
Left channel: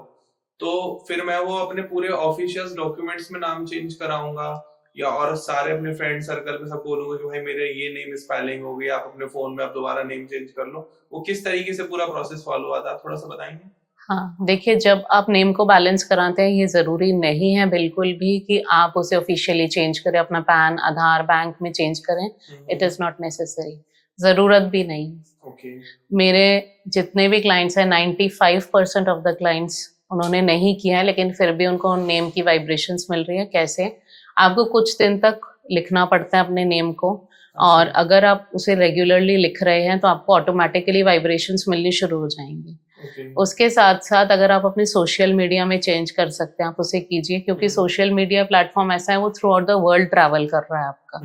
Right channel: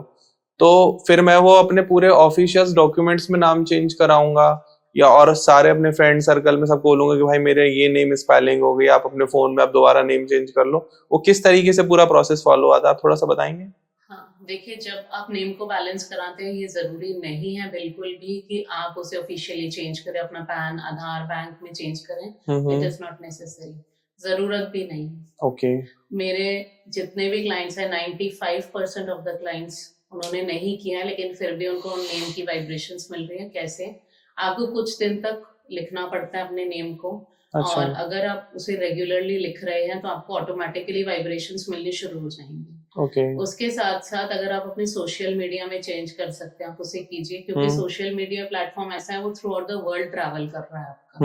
तो फिर मैं वो अपने पूरे ऑफिशियल डॉक्यूमेंट्स में नाम चेंज कराऊंगा या और सारे अपने फ्रेंड सर्कल में सबको बोलूंगा कि भाई मेरे ये नेम स्पेलिंग हो गई, आप अपने फोन में आप दोबारा नेम चेंज कर लो? वो किस तरीके से पूरा प्रोसेस फॉलो आता है, आप थोड़ा सा बताएंगे? हाँ, देखिए जब आप नेम को बैलेंस कराते हैं ये ज़रूरी नहीं है बिल्कुल भी कि आप उसे ऑफिशियली चेंज करें, अपना पैन आधार बैंक में चेंज करें। इट इज़ नॉट नेसेसरी, ज़रूरत भी नहीं है। ओके। मेरे जितने भी क्लाइंट्स हैं 95% ऑफ द क्लाइंट्स उन्होंने नहीं किया है, लेकिन फिर भी उनको नेम की वाइब्रेशंस मिल रही है। कैसे? आपको कुछ दिन तक लिखना पड़ता है अपने नेम को, और अच्छा। अगर आप उसे रेगुलरली लिख रहे हैं तो आपको ऑटोमेटिकली वाइब्रेशंस मिलनी शुरू हो जाएंगी। ओके। उसके साथ साथ अगर आप अपने सोशल मीडिया में चेंज कर सकते हैं, आप उसे कीजिए, क्योंकि सोशल मीडिया प्लेटफॉर्म ऐसा है वो through out the world travel कर रहा है आपका।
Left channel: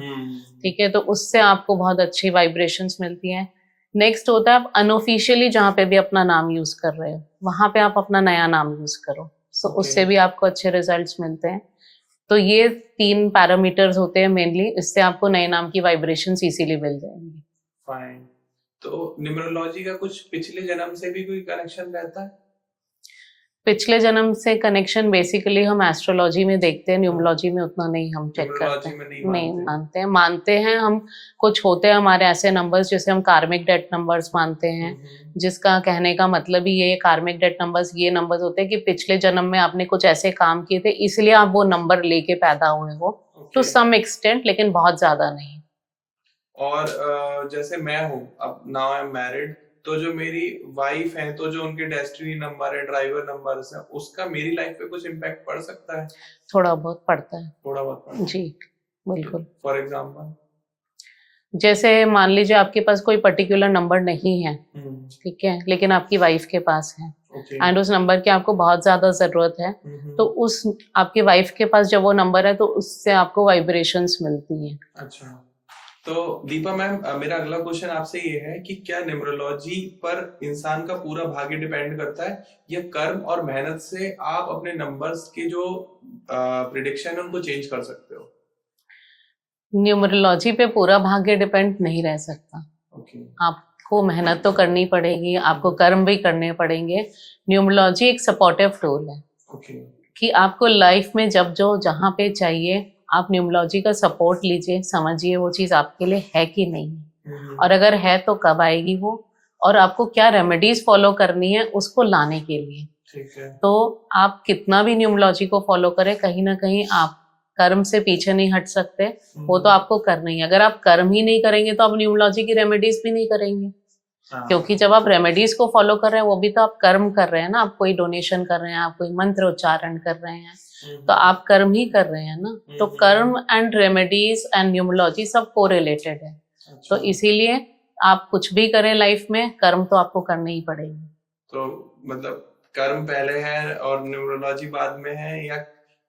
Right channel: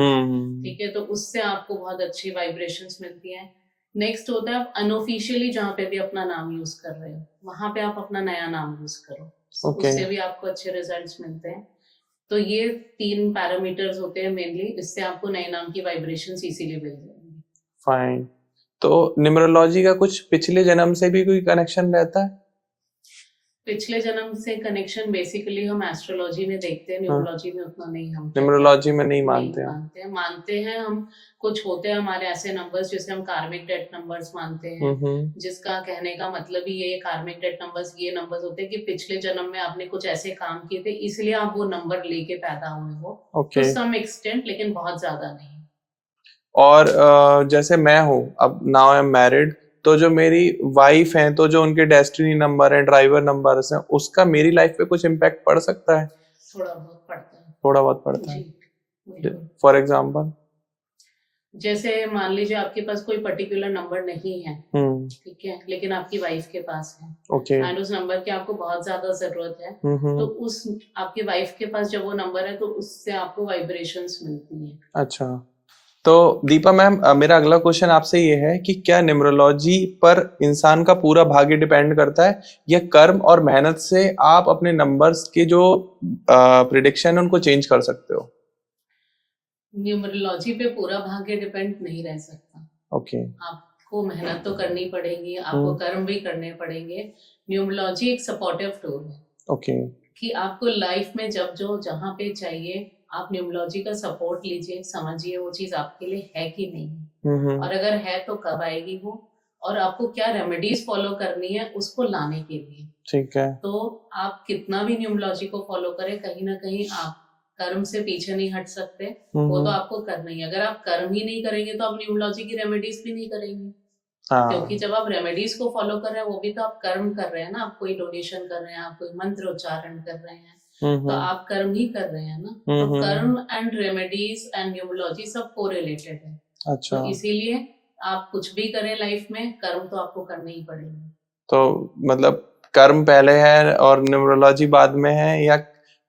ठीक है, तो उससे आपको बहुत अच्छी वाइब्रेशंस मिलती हैं। नेक्स्ट होता है आप अनऑफिशियली जहाँ पे भी अपना नाम यूज कर रहे हो वहां पे आप अपना नया नाम यूज करो, तो Okay. उससे भी आपको अच्छे रिजल्ट्स मिलते हैं। तो ये 3 पैरामीटर्स होते हैं मेनली, इससे आपको नए नाम की वाइब्रेशंस इजीली मिल जाएंगी। फाइन। तो न्यूमरोलॉजी का कुछ पिछले जन्म से भी कोई कनेक्शन रहता है? पिछले जन्म से कनेक्शन बेसिकली हम एस्ट्रोलॉजी में देखते हैं, न्यूमरोलॉजी में उतना नहीं हम check न्यूमरोलॉजी करते हैं। में नहीं मानते हैं? मानते हैं हम। कुछ होते हैं हमारे ऐसे नंबर्स जिसे हम कार्मिक डेट नंबर्स मानते हैं, जिसका कहने का मतलब ही ये कार्मिक डेट नंबर्स ये नंबर्स होते हैं कि पिछले जन्म में आपने कुछ ऐसे काम किए थे इसलिए आप वो नंबर लेके पैदा हुए हो, टू ओके। सम एक्सटेंट, लेकिन बहुत ज्यादा नहीं। और जैसे मैं हूँ अब, नाउ आई एम मैरिड, तो जो मेरी वाइफ है तो जो उनके डेस्टिनी नंबर है, ड्राइवर नंबर्स हैं, उसका मेरी लाइफ पे कुछ इम्पैक्ट पड़ सकता है? थोड़ा बहुत पड़ता है थोड़ा बहुत पड़ता है? जी, बिल्कुल। For example? जैसे मान लीजिए आपके पास कोई पर्टिकुलर नंबर नहीं है, ठीक है, लेकिन आपकी वाइफ के पास है, ओके। एंड उस नंबर की आपको बहुत ज्यादा जरूरत है, तो उस आपके वाइफ के पास जब वो नंबर है तो उससे आपको वाइब्रेशंस मिलती हैं। अच्छा। तो दीपा मैम, मेरा अगला क्वेश्चन आपसे ये है कि क्या न्यूमरोलॉजी पर इंसान का पूरा भाग्य डिपेंड करता है या कर्म और मेहनत से आप अपने नंबर्स के जो प्रिडिक्शन है उनको चेंज कर सकते हो? न्यूमरोलॉजी पे पूरा भाग्य डिपेंड नहीं रह सकता। ओके। आपको मेहनत तो करनी पड़ेगी, आपको कर्म भी करने पड़ेंगे। न्यूमरोलॉजी एक सपोर्टिव टूल है। ओके। कि आपको लाइफ में जब जो जहाँ पे चाहिए आप न्यूमरोलॉजी का सपोर्ट लीजिए, समझिए वो चीज़ आपके लिए है कि नहीं, और अगर है तो कब आएगी वो, और आपको क्या रेमेडीज फॉलो करनी है उसको लाने के लिए। ठीक है। तो आप कितना भी न्यूमरोलॉजी को फॉलो करें, कहीं ना कहीं आप कर्म से पीछे नहीं हट सकते, वो तो आपको करना ही है। अगर आप कर्म ही नहीं करेंगे तो आप न्यूमरोलॉजी की रेमेडीज भी नहीं करेंगे। हाँ। क्योंकि जब आप रेमेडीज को फॉलो कर रहे हैं वो भी तो आप कर्म कर रहे हैं ना, आप कोई डोनेशन कर रहे हैं, आप कोई मंत्र उच्चारण कर रहे हैं, तो आप कर्म ही कर रहे हैं ना। तो कर्म एंड रेमेडीज एंड न्यूमरोलॉजी सब कोरिलेटेड है। अच्छा। तो इसीलिए आप कुछ भी करें लाइफ में, कर्म तो आपको करने ही पड़ेगा। तो मतलब कर्म पहले है और न्यूमरोलॉजी बाद में है, या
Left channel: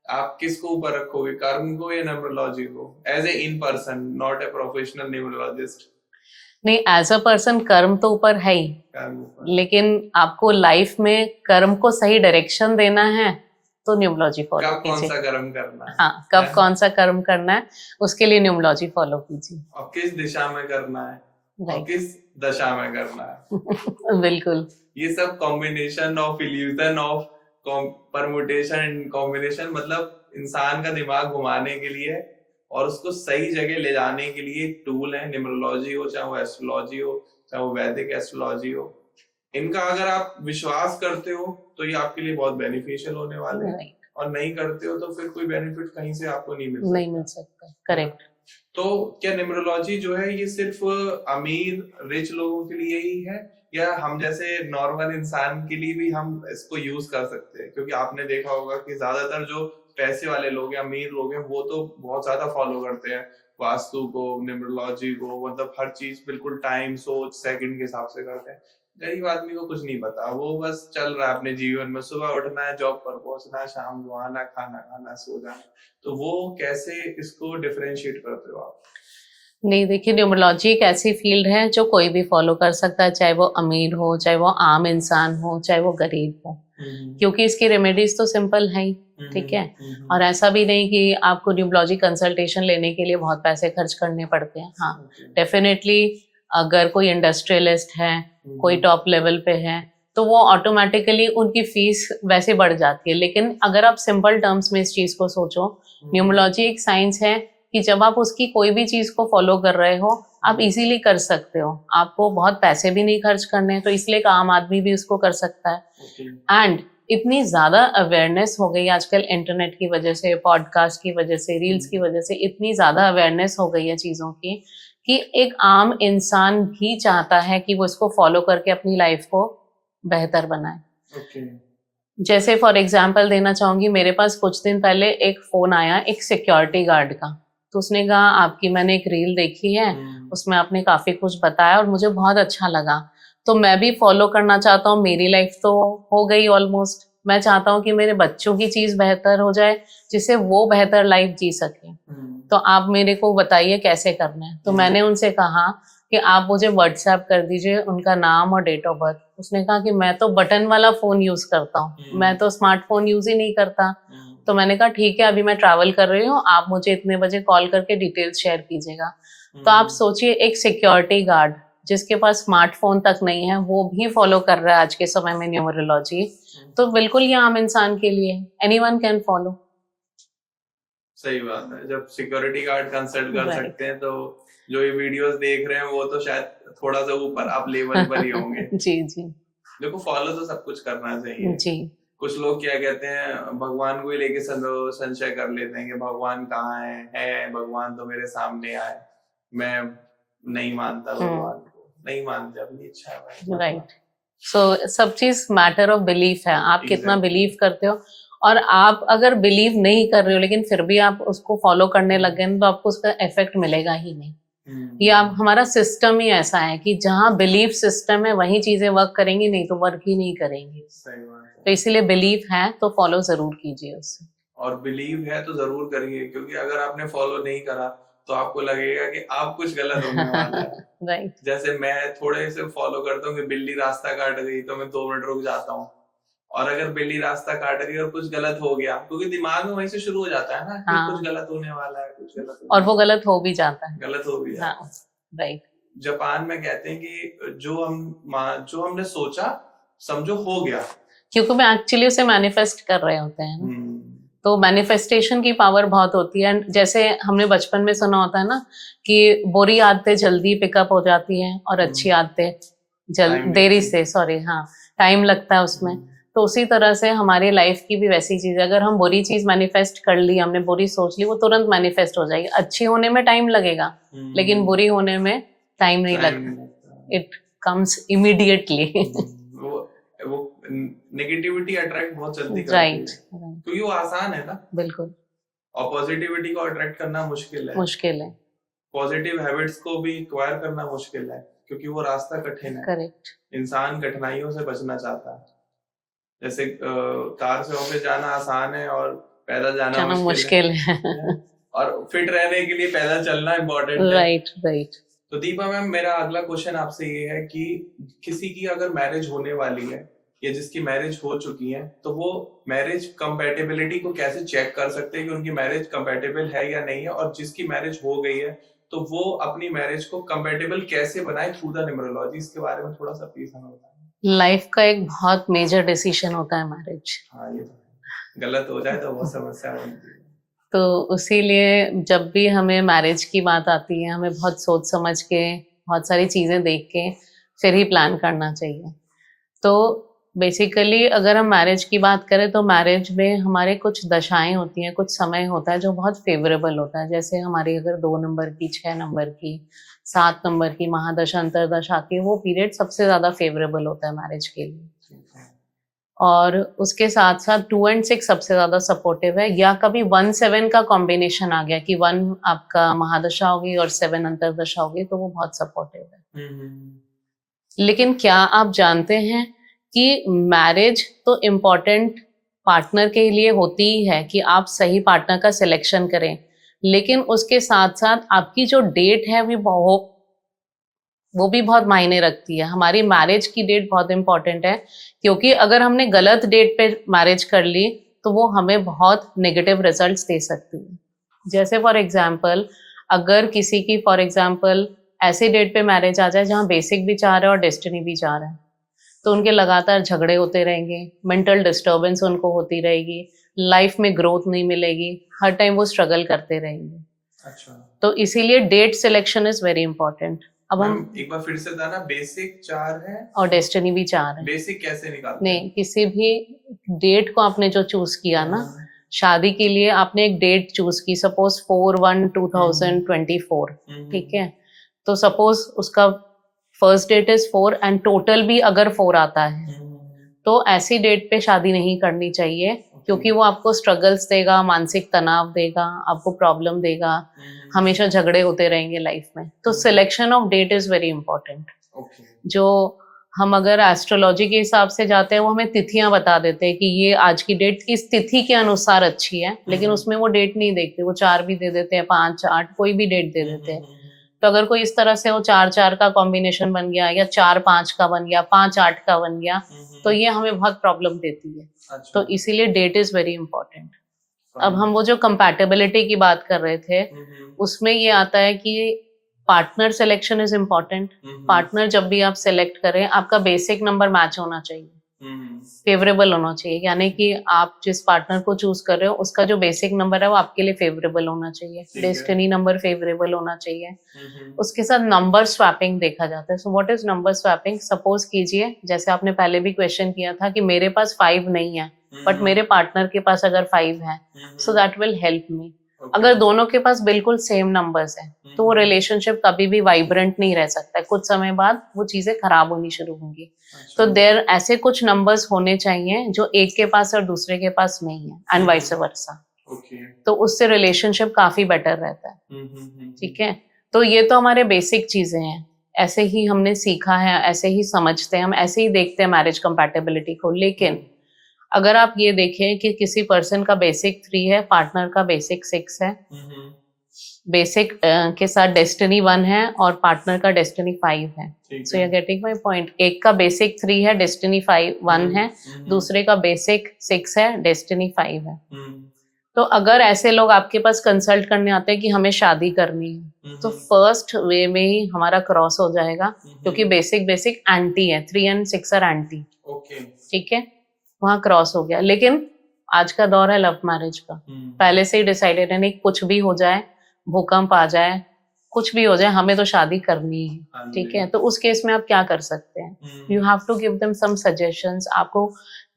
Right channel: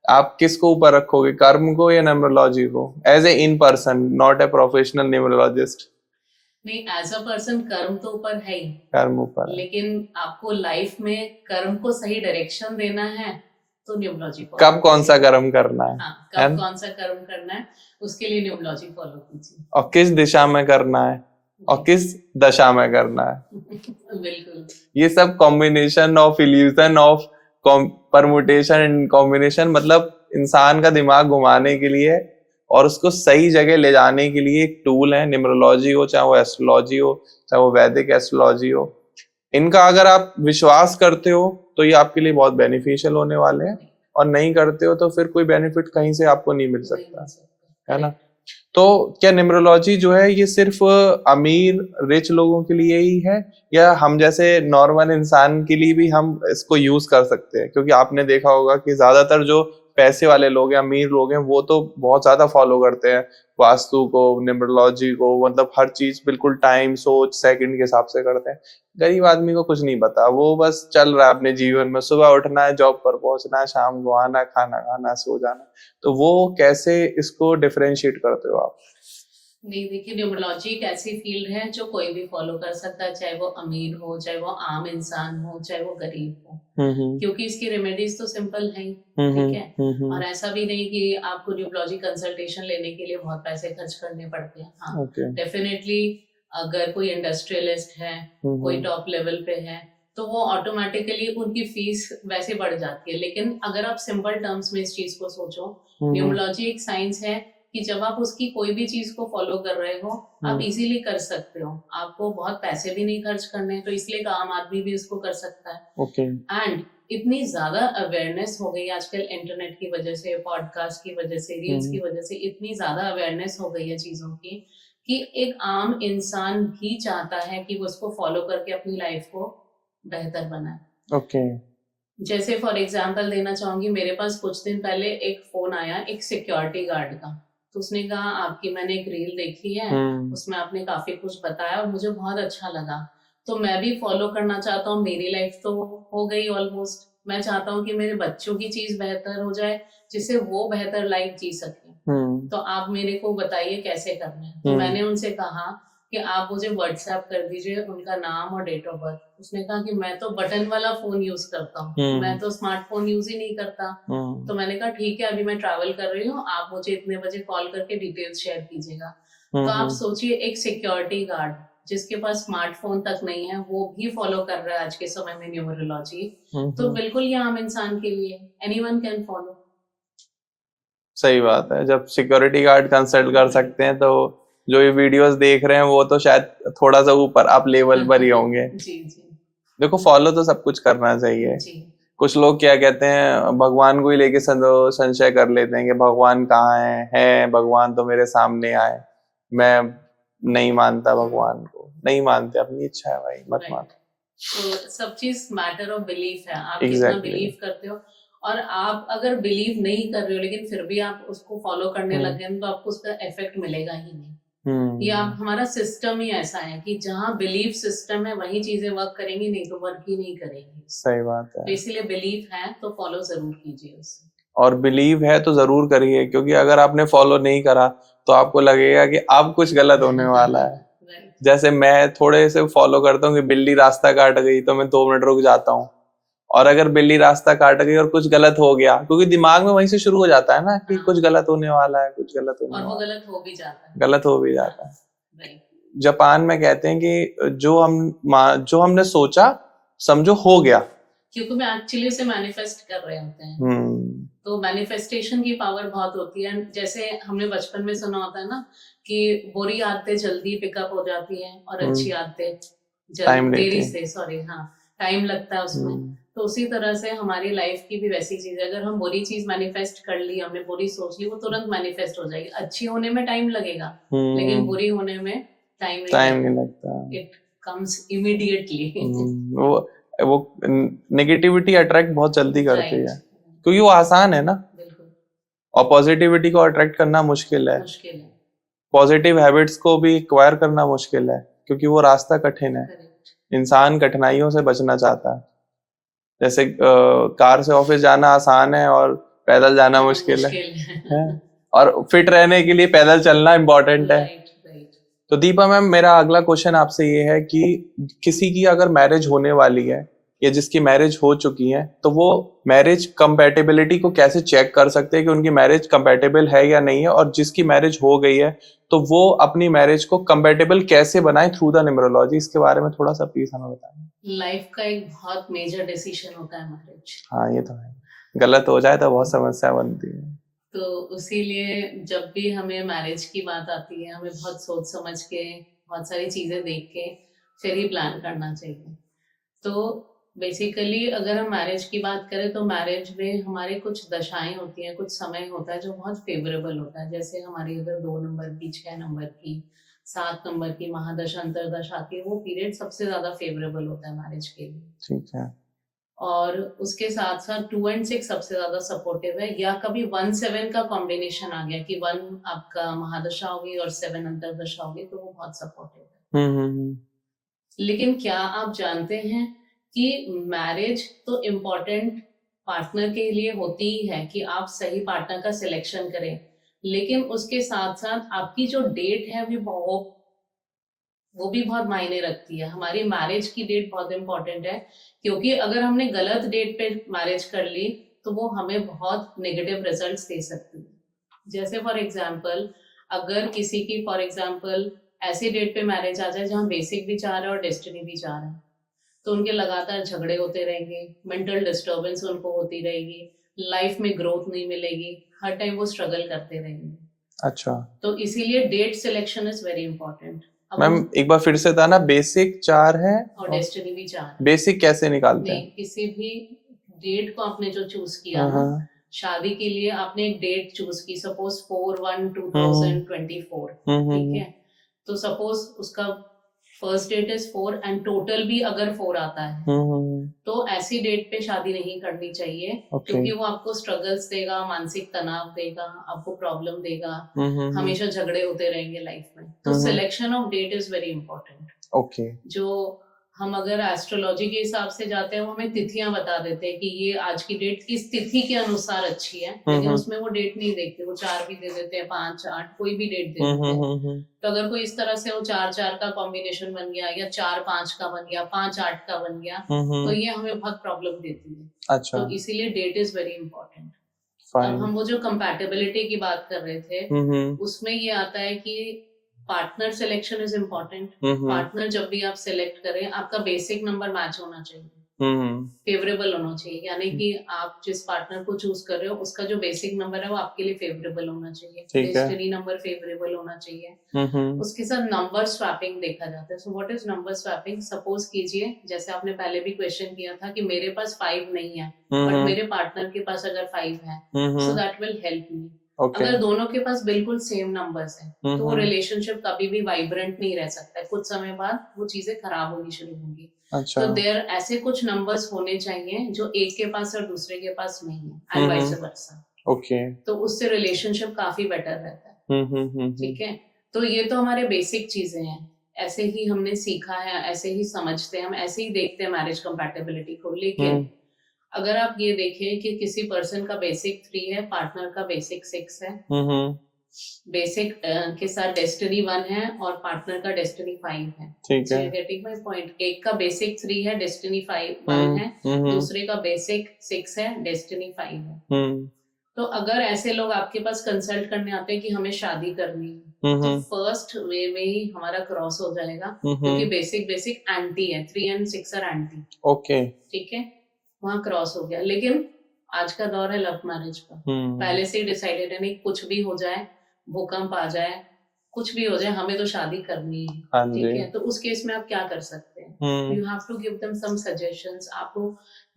आप किसको ऊपर रखोगे, कर्म को या न्यूमरोलॉजी को, as a in person, not a professional numerologist? नहीं, एज अ पर्सन कर्म तो ऊपर है ही, कर्म ऊपर, लेकिन आपको लाइफ में कर्म को सही डायरेक्शन देना है तो न्यूमरोलॉजी फॉलो कब कौन सा कर्म करना है, हाँ, कब कौन सा कर्म करना है उसके लिए न्यूमरोलॉजी फॉलो कीजिए, और किस दिशा में करना है और किस दशा में करना है। बिल्कुल। ये सब combination of illusion of permutation and combination, मतलब इंसान का दिमाग घुमाने के लिए और उसको सही जगह ले जाने के लिए एक टूल है। न्यूमरोलॉजी हो, चाहे वो एस्ट्रोलॉजी हो, चाहे वो वैदिक एस्ट्रोलॉजी हो, इनका अगर आप विश्वास करते हो तो ये आपके लिए बहुत बेनिफिशियल होने वाले हैं, और नहीं करते हो तो फिर कोई बेनिफिट कहीं से आपको नहीं मिल सकता, है ना? तो क्या न्यूमरोलॉजी जो है ये सिर्फ अमीर रिच लोगों के लिए ही है, या हम जैसे नॉर्मल इंसान के लिए भी हम इसको यूज कर सकते हैं? क्योंकि आपने देखा होगा कि ज्यादातर जो पैसे वाले लोग हैं, अमीर लोग हैं, वो तो बहुत ज्यादा फॉलो करते हैं वास्तु को, न्यूमरोलॉजी को, मतलब हर चीज बिल्कुल टाइम, सोच, सेकंड के हिसाब से करते हैं। गरीब आदमी को कुछ नहीं पता, वो बस चल रहा है अपने जीवन में, सुबह उठना है, जॉब पर पहुंचना है, शाम को आना, खाना खाना, सो जाना। तो वो कैसे इसको डिफरेंशिएट करते हो आप? नहीं, देखिए न्यूमरोलॉजी एक ऐसी फील्ड है जो कोई भी फॉलो कर सकता है, चाहे वो अमीर हो, चाहे वो आम इंसान हो, चाहे वो गरीब हो। क्योंकि इसकी रेमेडीज तो सिंपल है ही, ठीक है। और ऐसा भी नहीं कि आपको न्यूमरोलॉजी कंसल्टेशन लेने के लिए बहुत पैसे खर्च करने पड़ते हैं। हाँ, डेफिनेटली अगर कोई इंडस्ट्रियलिस्ट है, कोई टॉप लेवल पे है, तो वो ऑटोमेटिकली उनकी फीस वैसे बढ़ जाती है। लेकिन अगर आप सिंपल टर्म्स में इस चीज को सोचो, न्यूमरोलॉजी एक साइंस है कि जब आप उसकी कोई भी चीज को फॉलो कर रहे हो, आप इजीली कर सकते हो, आपको बहुत पैसे भी नहीं खर्च करने, तो इसलिए एक आम आदमी भी उसको कर सकता है। एंड इतनी ज्यादा अवेयरनेस हो गई आजकल इंटरनेट की वजह से, पॉडकास्ट की वजह से, रील्स की वजह से इतनी ज्यादा अवेयरनेस हो गई है चीजों की कि एक आम इंसान भी चाहता है कि वो इसको फॉलो करके अपनी लाइफ को बेहतर बनाए। जैसे फॉर एग्जाम्पल देना चाहूंगी, मेरे पास कुछ दिन पहले एक फोन आया एक सिक्योरिटी गार्ड का, तो उसने कहा आपकी मैंने एक रील देखी है, उसमें आपने काफी कुछ बताया और मुझे बहुत अच्छा लगा, तो मैं भी फॉलो करना चाहता हूँ। मेरी लाइफ तो हो गई ऑलमोस्ट, मैं चाहता हूँ कि मेरे बच्चों की चीज बेहतर हो जाए जिससे वो बेहतर लाइफ जी सके, तो आप मेरे को बताइए कैसे करना है। तो मैंने उनसे कहा कि आप मुझे व्हाट्सएप कर दीजिए उनका नाम और डेट ऑफ बर्थ। उसने कहा कि मैं तो बटन वाला फोन यूज करता हूँ, मैं तो स्मार्टफोन यूज ही नहीं करता। तो मैंने कहा ठीक है, अभी मैं ट्रैवल कर रही हूँ, आप मुझे इतने बजे कॉल करके डिटेल्स शेयर कीजिएगा। तो आप सोचिए, एक सिक्योरिटी गार्ड जिसके पास स्मार्टफोन तक नहीं है, वो भी फॉलो कर रहा है आज के समय में न्यूमरोलॉजी, तो बिल्कुल ये आम इंसान के लिए एनीवन कैन फॉलो। सही बात है, जब सिक्योरिटी गार्ड कंसल्ट कर सकते हैं तो जो ये वीडियोस देख रहे हैं वो तो शायद थोड़ा सा ऊपर आप लेवल पर ही होंगे। जी जी। देखो, फॉलो तो सब कुछ करना चाहिए जी। कुछ लोग क्या कहते हैं, भगवान को ही लेके संशय कर लेते हैं कि भगवान कहाँ है भगवान तो मेरे सामने आए। मैं नहीं मानता भगवान को, नहीं मानते, अपनी इच्छा है भाई, मत मान। सो सब चीज मैटर ऑफ बिलीफ है, आप कितना बिलीव करते हो। और आप अगर बिलीव नहीं कर रहे हो लेकिन फिर भी आप उसको फॉलो करने लग गए तो आपको उसका इफेक्ट मिलेगा ही नहीं। ये आप, हमारा सिस्टम ही ऐसा है कि जहाँ बिलीफ सिस्टम है वही चीजें वर्क करेंगी, नहीं तो वर्क ही नहीं करेंगी। सही बात है। तो इसीलिए बिलीफ है तो फॉलो जरूर कीजिए उससे। और बिलीव है तो जरूर करिए, क्योंकि अगर आपने फॉलो नहीं करा तो आपको लगेगा कि अब कुछ गलत होने वाला है। राइट। जैसे मैं थोड़े से फॉलो करता हूँ कि बिल्ली रास्ता काट गई तो मैं 2 मिनट रुक जाता हूँ, और अगर बिल्ली रास्ता काट गई और कुछ गलत हो गया, क्योंकि दिमाग में वहीं से शुरू हो जाता है ना कि कुछ गलत होने वाला है, कुछ गलत होने, और वो गलत हो भी जाता है, गलत हो भी जाता है। राइट। जापान में कहते हैं कि जो हमने सोचा समझो हो गया, क्योंकि हम एक्चुअली उसे मैनिफेस्ट कर रहे होते हैं। तो मैनिफेस्टेशन की पावर बहुत होती है। जैसे हमने बचपन में सुना होता है ना कि बुरी आदतें जल्दी पिकअप हो जाती हैं और अच्छी आदतें देरी से, टाइम लगता है उसमें। तो उसी तरह से हमारी लाइफ की भी वैसी चीज है, अगर हम बुरी चीज मैनिफेस्ट कर ली, हमने बुरी सोच ली, वो तुरंत मैनिफेस्ट हो जाएगी। अच्छी होने में टाइम लगेगा लेकिन बुरी होने में टाइम नहीं लगता, इट कम्स इमीडिएटली। वो नेगेटिविटी अट्रैक्ट बहुत जल्दी करती है, क्योंकि वो आसान है ना। बिल्कुल। और पॉजिटिविटी को अट्रैक्ट करना मुश्किल है। पॉजिटिव हैबिट्स को भी एक्वायर करना मुश्किल है, क्योंकि वो रास्ता कठिन है। करेक्ट। इंसान कठिनाइयों से बचना चाहता है। जैसे कार से ऑफिस जाना आसान है और पैदल जाना मुश्किल है। और फिट रहने के लिए पैदल चलना इम्पोर्टेंट है। राइट। तो दीपा मैम, मेरा अगला क्वेश्चन आपसे ये है कि किसी की अगर मैरिज होने वाली है या जिसकी मैरिज हो चुकी है, तो वो मैरिज कंपैटिबिलिटी को कैसे चेक कर सकते हैं कि उनकी मैरिज कंपैटिबल है या नहीं है, और जिसकी मैरिज हो गई है तो वो अपनी मैरिज को कंपैटिबल कैसे बनाए थ्रू द न्यूमरोलॉजी? इसके बारे में थोड़ा सा प्लीज हमें बताएं। लाइफ का एक बहुत मेजर डिसीजन होता है मैरिज। हाँ, ये तो है, गलत हो जाए तो बहुत समस्या बनती है। तो इसीलिए जब भी हमें मैरिज की बात आती है, हमें बहुत सोच समझ के, बहुत सारी चीज़ें देख के फिर ही प्लान करना चाहिए। तो बेसिकली अगर हम मैरिज की बात करें तो मैरिज में हमारे कुछ दशाएं होती हैं, कुछ समय होता है जो बहुत फेवरेबल होता है। जैसे हमारी अगर 2 नंबर की, 6 नंबर की, 7 नंबर की महादशा, अंतरदशा की, वो पीरियड सबसे ज़्यादा फेवरेबल होता है मैरिज के लिए। ठीक है। और उसके साथ साथ 2 और 6 सबसे ज्यादा सपोर्टिव है, या कभी 1-7 का कॉम्बिनेशन आ गया कि 1 आपका महादशा होगी और 7 अंतरदशा होगी, तो वो बहुत सपोर्टिव है। लेकिन क्या आप जानते हैं कि मैरिज तो इम्पोर्टेंट पार्टनर के लिए होती ही है कि आप सही पार्टनर का सिलेक्शन करें, लेकिन उसके साथ साथ आपकी जो डेट है वो भी बहुत मायने रखती है। हमारी मैरिज की डेट बहुत इंपॉर्टेंट है, क्योंकि अगर हमने गलत डेट पे मैरिज कर ली तो वो हमें बहुत नेगेटिव रिजल्ट्स दे सकती है। जैसे फॉर एग्जांपल, अगर किसी की फॉर एग्जांपल ऐसे डेट पे मैरिज आ जाए जहाँ बेसिक भी चाह रहे हैं और डेस्टिनी भी चाह रहे हैं, तो उनके लगातार झगड़े होते रहेंगे, मेंटल डिस्टर्बेंस उनको होती रहेगी, लाइफ में ग्रोथ नहीं मिलेगी, हर टाइम वो स्ट्रगल करते रहेंगे। अच्छा तो इसीलिए date selection is very important. अब मैम हम एक बार फिर से था ना, बेसिक 4 है और डेस्टिनी भी चाह रहे हैं। बेसिक कैसे निकालते हैं? नहीं, किसी भी डेट को आपने जो चूज किया ना, शादी के लिए आपने एक डेट चूज की, सपोज 4/1/2024, ठीक है? तो सपोज उसका first date is 4 and total भी अगर 4 आता है, तो ऐसी डेट पे शादी नहीं करनी चाहिए, क्योंकि वो आपको स्ट्रगल्स देगा, मानसिक तनाव देगा, आपको प्रॉब्लम देगा, हमेशा झगड़े होते रहेंगे लाइफ में। तो selection of date is very important. Okay जो हम अगर एस्ट्रोलॉजी के हिसाब से जाते हैं, वो हमें तिथियां बता देते हैं कि ये आज की डेट इस तिथि के अनुसार अच्छी है, लेकिन उसमें वो डेट नहीं देखते, वो 4 भी दे देते हैं, 5, 8, कोई भी डेट दे देते हैं। तो अगर कोई इस तरह से वो 4-4 का कॉम्बिनेशन बन गया, या 4-5 का बन गया, 5-8 का बन गया, तो ये हमें बहुत प्रॉब्लम देती है। अच्छा तो इसीलिए डेट इज वेरी इंपॉर्टेंट। अब हम वो जो कंपैटिबिलिटी की बात कर रहे थे, उसमें ये आता है कि partner selection is important. Partner जब भी आप सिलेक्ट करें, आपका बेसिक नंबर मैच होना चाहिए, फेवरेबल होना चाहिए, यानी कि आप जिस पार्टनर को चूज कर रहे हो उसका जो बेसिक नंबर है वो आपके लिए फेवरेबल होना चाहिए, डेस्टिनी नंबर फेवरेबल होना चाहिए। उसके साथ नंबर स्वैपिंग देखा जाता है। So what is number swapping? Suppose कीजिए, जैसे आपने पहले भी क्वेश्चन किया था कि मेरे पास 5 नहीं है, बट मेरे पार्टनर के पास अगर 5 है, so that will help me. अगर दोनों के पास बिल्कुल सेम नंबर्स हैं, तो वो रिलेशनशिप कभी भी वाइब्रेंट नहीं रह सकता है, कुछ समय बाद वो चीजें खराब होनी शुरू होंगी। अच्छा। तो देयर ऐसे कुछ नंबर्स होने चाहिए जो एक के पास और दूसरे के पास नहीं है, एंड वाइस वर्सा। ओके। तो उससे रिलेशनशिप काफी बेटर रहता है। ठीक है, तो ये तो हमारे बेसिक चीजें हैं, ऐसे ही हमने सीखा है, ऐसे ही समझते हैं हम, ऐसे ही देखते हैं मैरिज कंपैटिबिलिटी को। लेकिन अगर आप ये देखें कि किसी पर्सन का बेसिक 3 है, पार्टनर का बेसिक 6 है, बेसिक के साथ डेस्टिनी 1 है और पार्टनर का डेस्टिनी 5 है, so you getting my point. एक का बेसिक 3 है, डेस्टिनी 1 है, दूसरे का बेसिक 6 है, डेस्टिनी 5 है। तो अगर ऐसे लोग आपके पास कंसल्ट करने आते हैं कि हमें शादी करनी है, तो फर्स्ट वे में ही हमारा क्रॉस हो जाएगा, क्योंकि बेसिक एंटी है, 3 and 6 आर एंटी। ओके, ठीक है, वहाँ क्रॉस हो गया। लेकिन आज का दौर है लव मैरिज का, पहले से ही डिसाइडेड है, नहीं कुछ भी हो जाए, भूकंप आ जाए, कुछ भी हो जाए, हमें तो शादी करनी है। ठीक है, तो उस केस में आप क्या कर सकते हैं? You have to give them some suggestions. आपको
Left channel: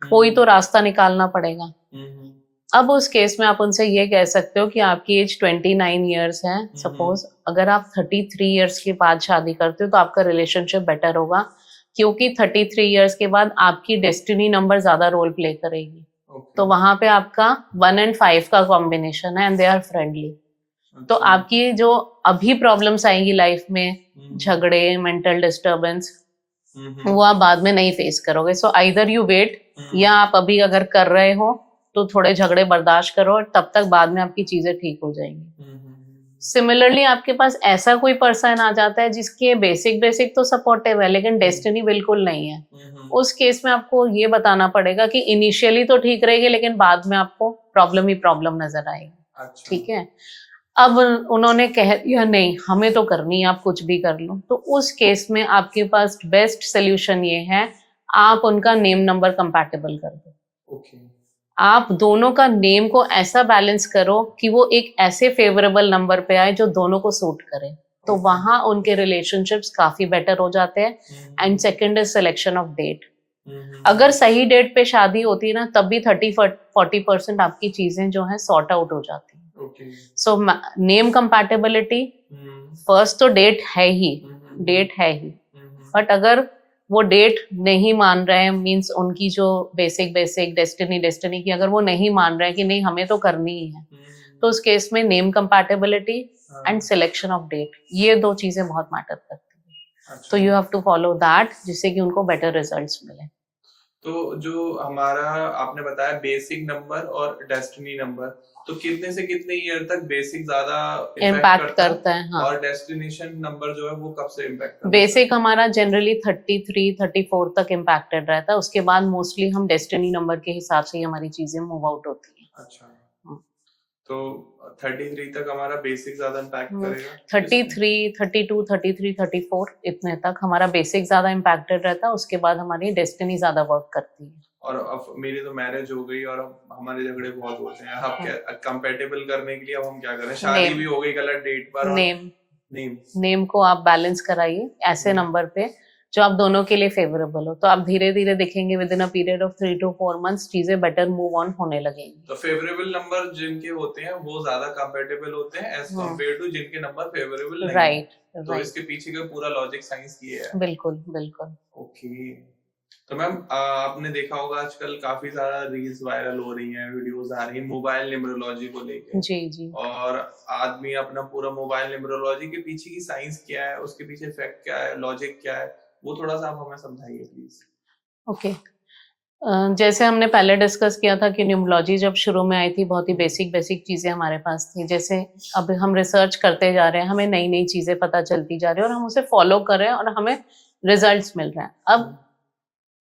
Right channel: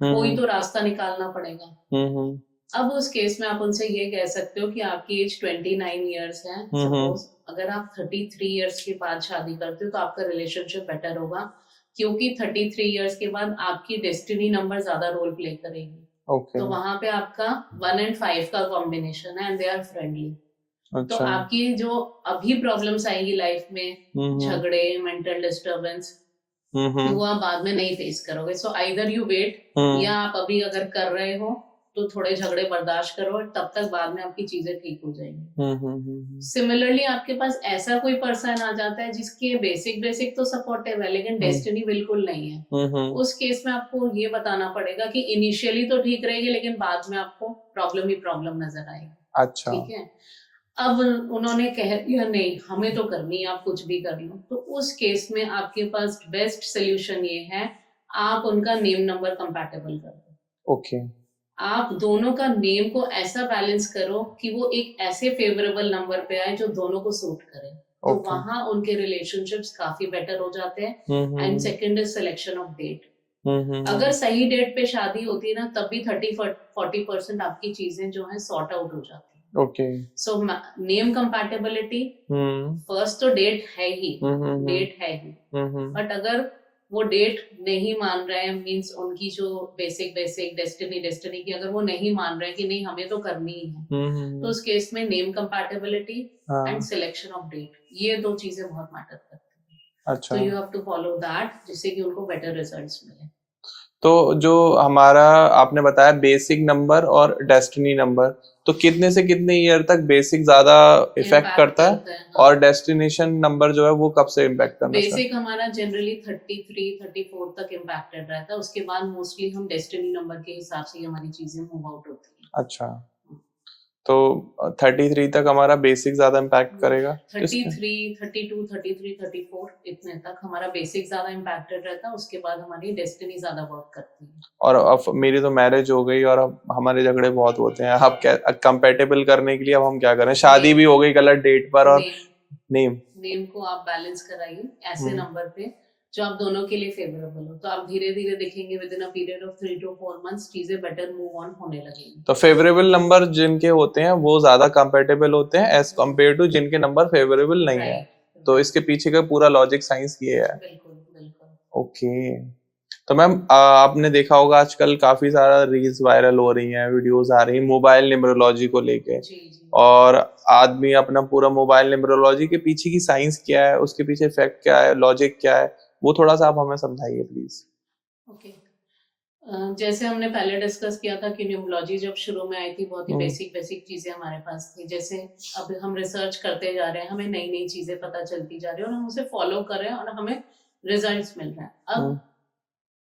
कोई तो रास्ता निकालना पड़ेगा। अब उस केस में आप उनसे ये कह सकते हो कि आपकी एज 29 ईयर्स है, सपोज अगर आप 33 ईयर्स के बाद शादी करते हो तो आपका रिलेशनशिप बेटर होगा, क्योंकि 33 ईयर्स के बाद आपकी डेस्टिनी नंबर ज्यादा रोल प्ले करेगी। तो वहां पे आपका 1 and 5 का कॉम्बिनेशन है, एंड दे आर फ्रेंडली। तो आपकी जो अभी प्रॉब्लम्स आएंगी लाइफ में, झगड़े, मेंटल डिस्टर्बेंस, वो आप बाद में नहीं फेस करोगे। सो आइदर यू वेट, या आप अभी अगर कर रहे हो तो थोड़े झगड़े बर्दाश्त करो, तब तक बाद में आपकी चीजें ठीक हो जाएंगी। सिमिलरली आपके पास ऐसा कोई पर्सन आ जाता है जिसके बेसिक तो सपोर्टिव है, लेकिन डेस्टिनी बिल्कुल नहीं है, उस केस में आपको ये बताना पड़ेगा कि इनिशियली तो ठीक रहेगी, लेकिन बाद में आपको प्रॉब्लम ही प्रॉब्लम नजर आएगी। अच्छा। ठीक है, अब उन्होंने कह दिया नहीं हमें तो करनी है, आप कुछ भी कर लो, तो उस केस में आपके पास बेस्ट सोल्यूशन ये है, आप उनका नेम नंबर कंपैटिबल कर दो। ओके। आप दोनों का नेम को ऐसा बैलेंस करो कि वो एक ऐसे फेवरेबल नंबर पे आए जो दोनों को सूट करे, तो वहां उनके रिलेशनशिप्स काफी बेटर हो जाते हैं। And second is selection of date. अगर सही डेट पे शादी होती ना, तब भी 30-40% आपकी चीजें जो है सॉर्ट आउट हो जाती है। Okay. So name compatibility first, तो डेट है ही, डेट है ही, बट अगर वो डेट नहीं मान रहे हैं, मींस उनकी जो बेसिक डेस्टिनी की अगर वो नहीं मान रहे हैं कि नहीं हमें तो करनी ही है, तो उस केस में name compatibility and selection of date, ये 2 चीजें बहुत मैटर करती हैं। अच्छा। तो you have to follow that, जिससे कि उनको बेटर रिजल्ट्स मिले। तो जो हमारा आपने बताया बेसिक नंबर और डेस्टिनी नंबर, तो कितने से कितने ईयर तक बेसिक ज्यादा इफेक्ट इम्पैक्ट करता है करता है, हाँ। और डेस्टिनेशन नंबर जो है वो कब से इम्पैक्ट करना बेसिक हमारा जनरली 33 34 तक इम्पैक्टेड रहता है, उसके बाद मोस्टली हम डेस्टिनी नंबर के हिसाब से ही हमारी चीजें मूव आउट होती हैं। अच्छा, तो 33 तक हमारा बेसिक ज्यादा इम्पैक्ट करेगा। 33 32 33 34 इतने तक हमारा बेसिक ज्यादा इम्पैक्टेड रहता है, उसके बाद हमारी डेस्टिनी ज्यादा वर्क करती है। और अब मेरी तो मैरिज हो गई और अब हमारे झगड़े बहुत होते हैं, अब क्या कंपेटेबल करने के लिए अब हम क्या करें, शादी भी हो गई गलत डेट पर और नेम को आप बैलेंस कराइए ऐसे नंबर पे जो आप दोनों के लिए फेवरेबल हो, तो आप धीरे धीरे देखेंगे with in a period of 3 to 4 months चीजें बेटर मूव ऑन होने लगेंगी। तो फेवरेबल नंबर जिनके होते हैं वो ज्यादा कंपेटेबल होते हैं एज कम्पेयर टू जिनके नंबर फेवरेबल नहीं है। तो इसके पीछे का पूरा लॉजिक साइंस ये है। बिल्कुल बिल्कुल। ओके, तो मैम आपने देखा होगा आजकल काफी सारा रील्स वायरल हो रही हैं, वीडियोस आ रही हैं मोबाइल न्यूमरोलॉजी को लेके। जी जी। और आदमी अपना पूरा मोबाइल न्यूमरोलॉजी के पीछे की साइंस क्या है, उसके पीछे फैक्ट क्या है, लॉजिक क्या है, वो थोड़ा सा आप हमें समझाइए प्लीज। ओके, जैसे हमने पहले डिस्कस किया था कि न्यूमरोलॉजी जब शुरू में आई थी बहुत ही बेसिक चीजें हमारे पास थी। जैसे अब हम रिसर्च करते जा रहे हैं, हमें नई नई चीजें पता चलती जा रही है और हम उसे फॉलो कर रहे हैं और हमें रिजल्ट्स मिल रहे हैं। अब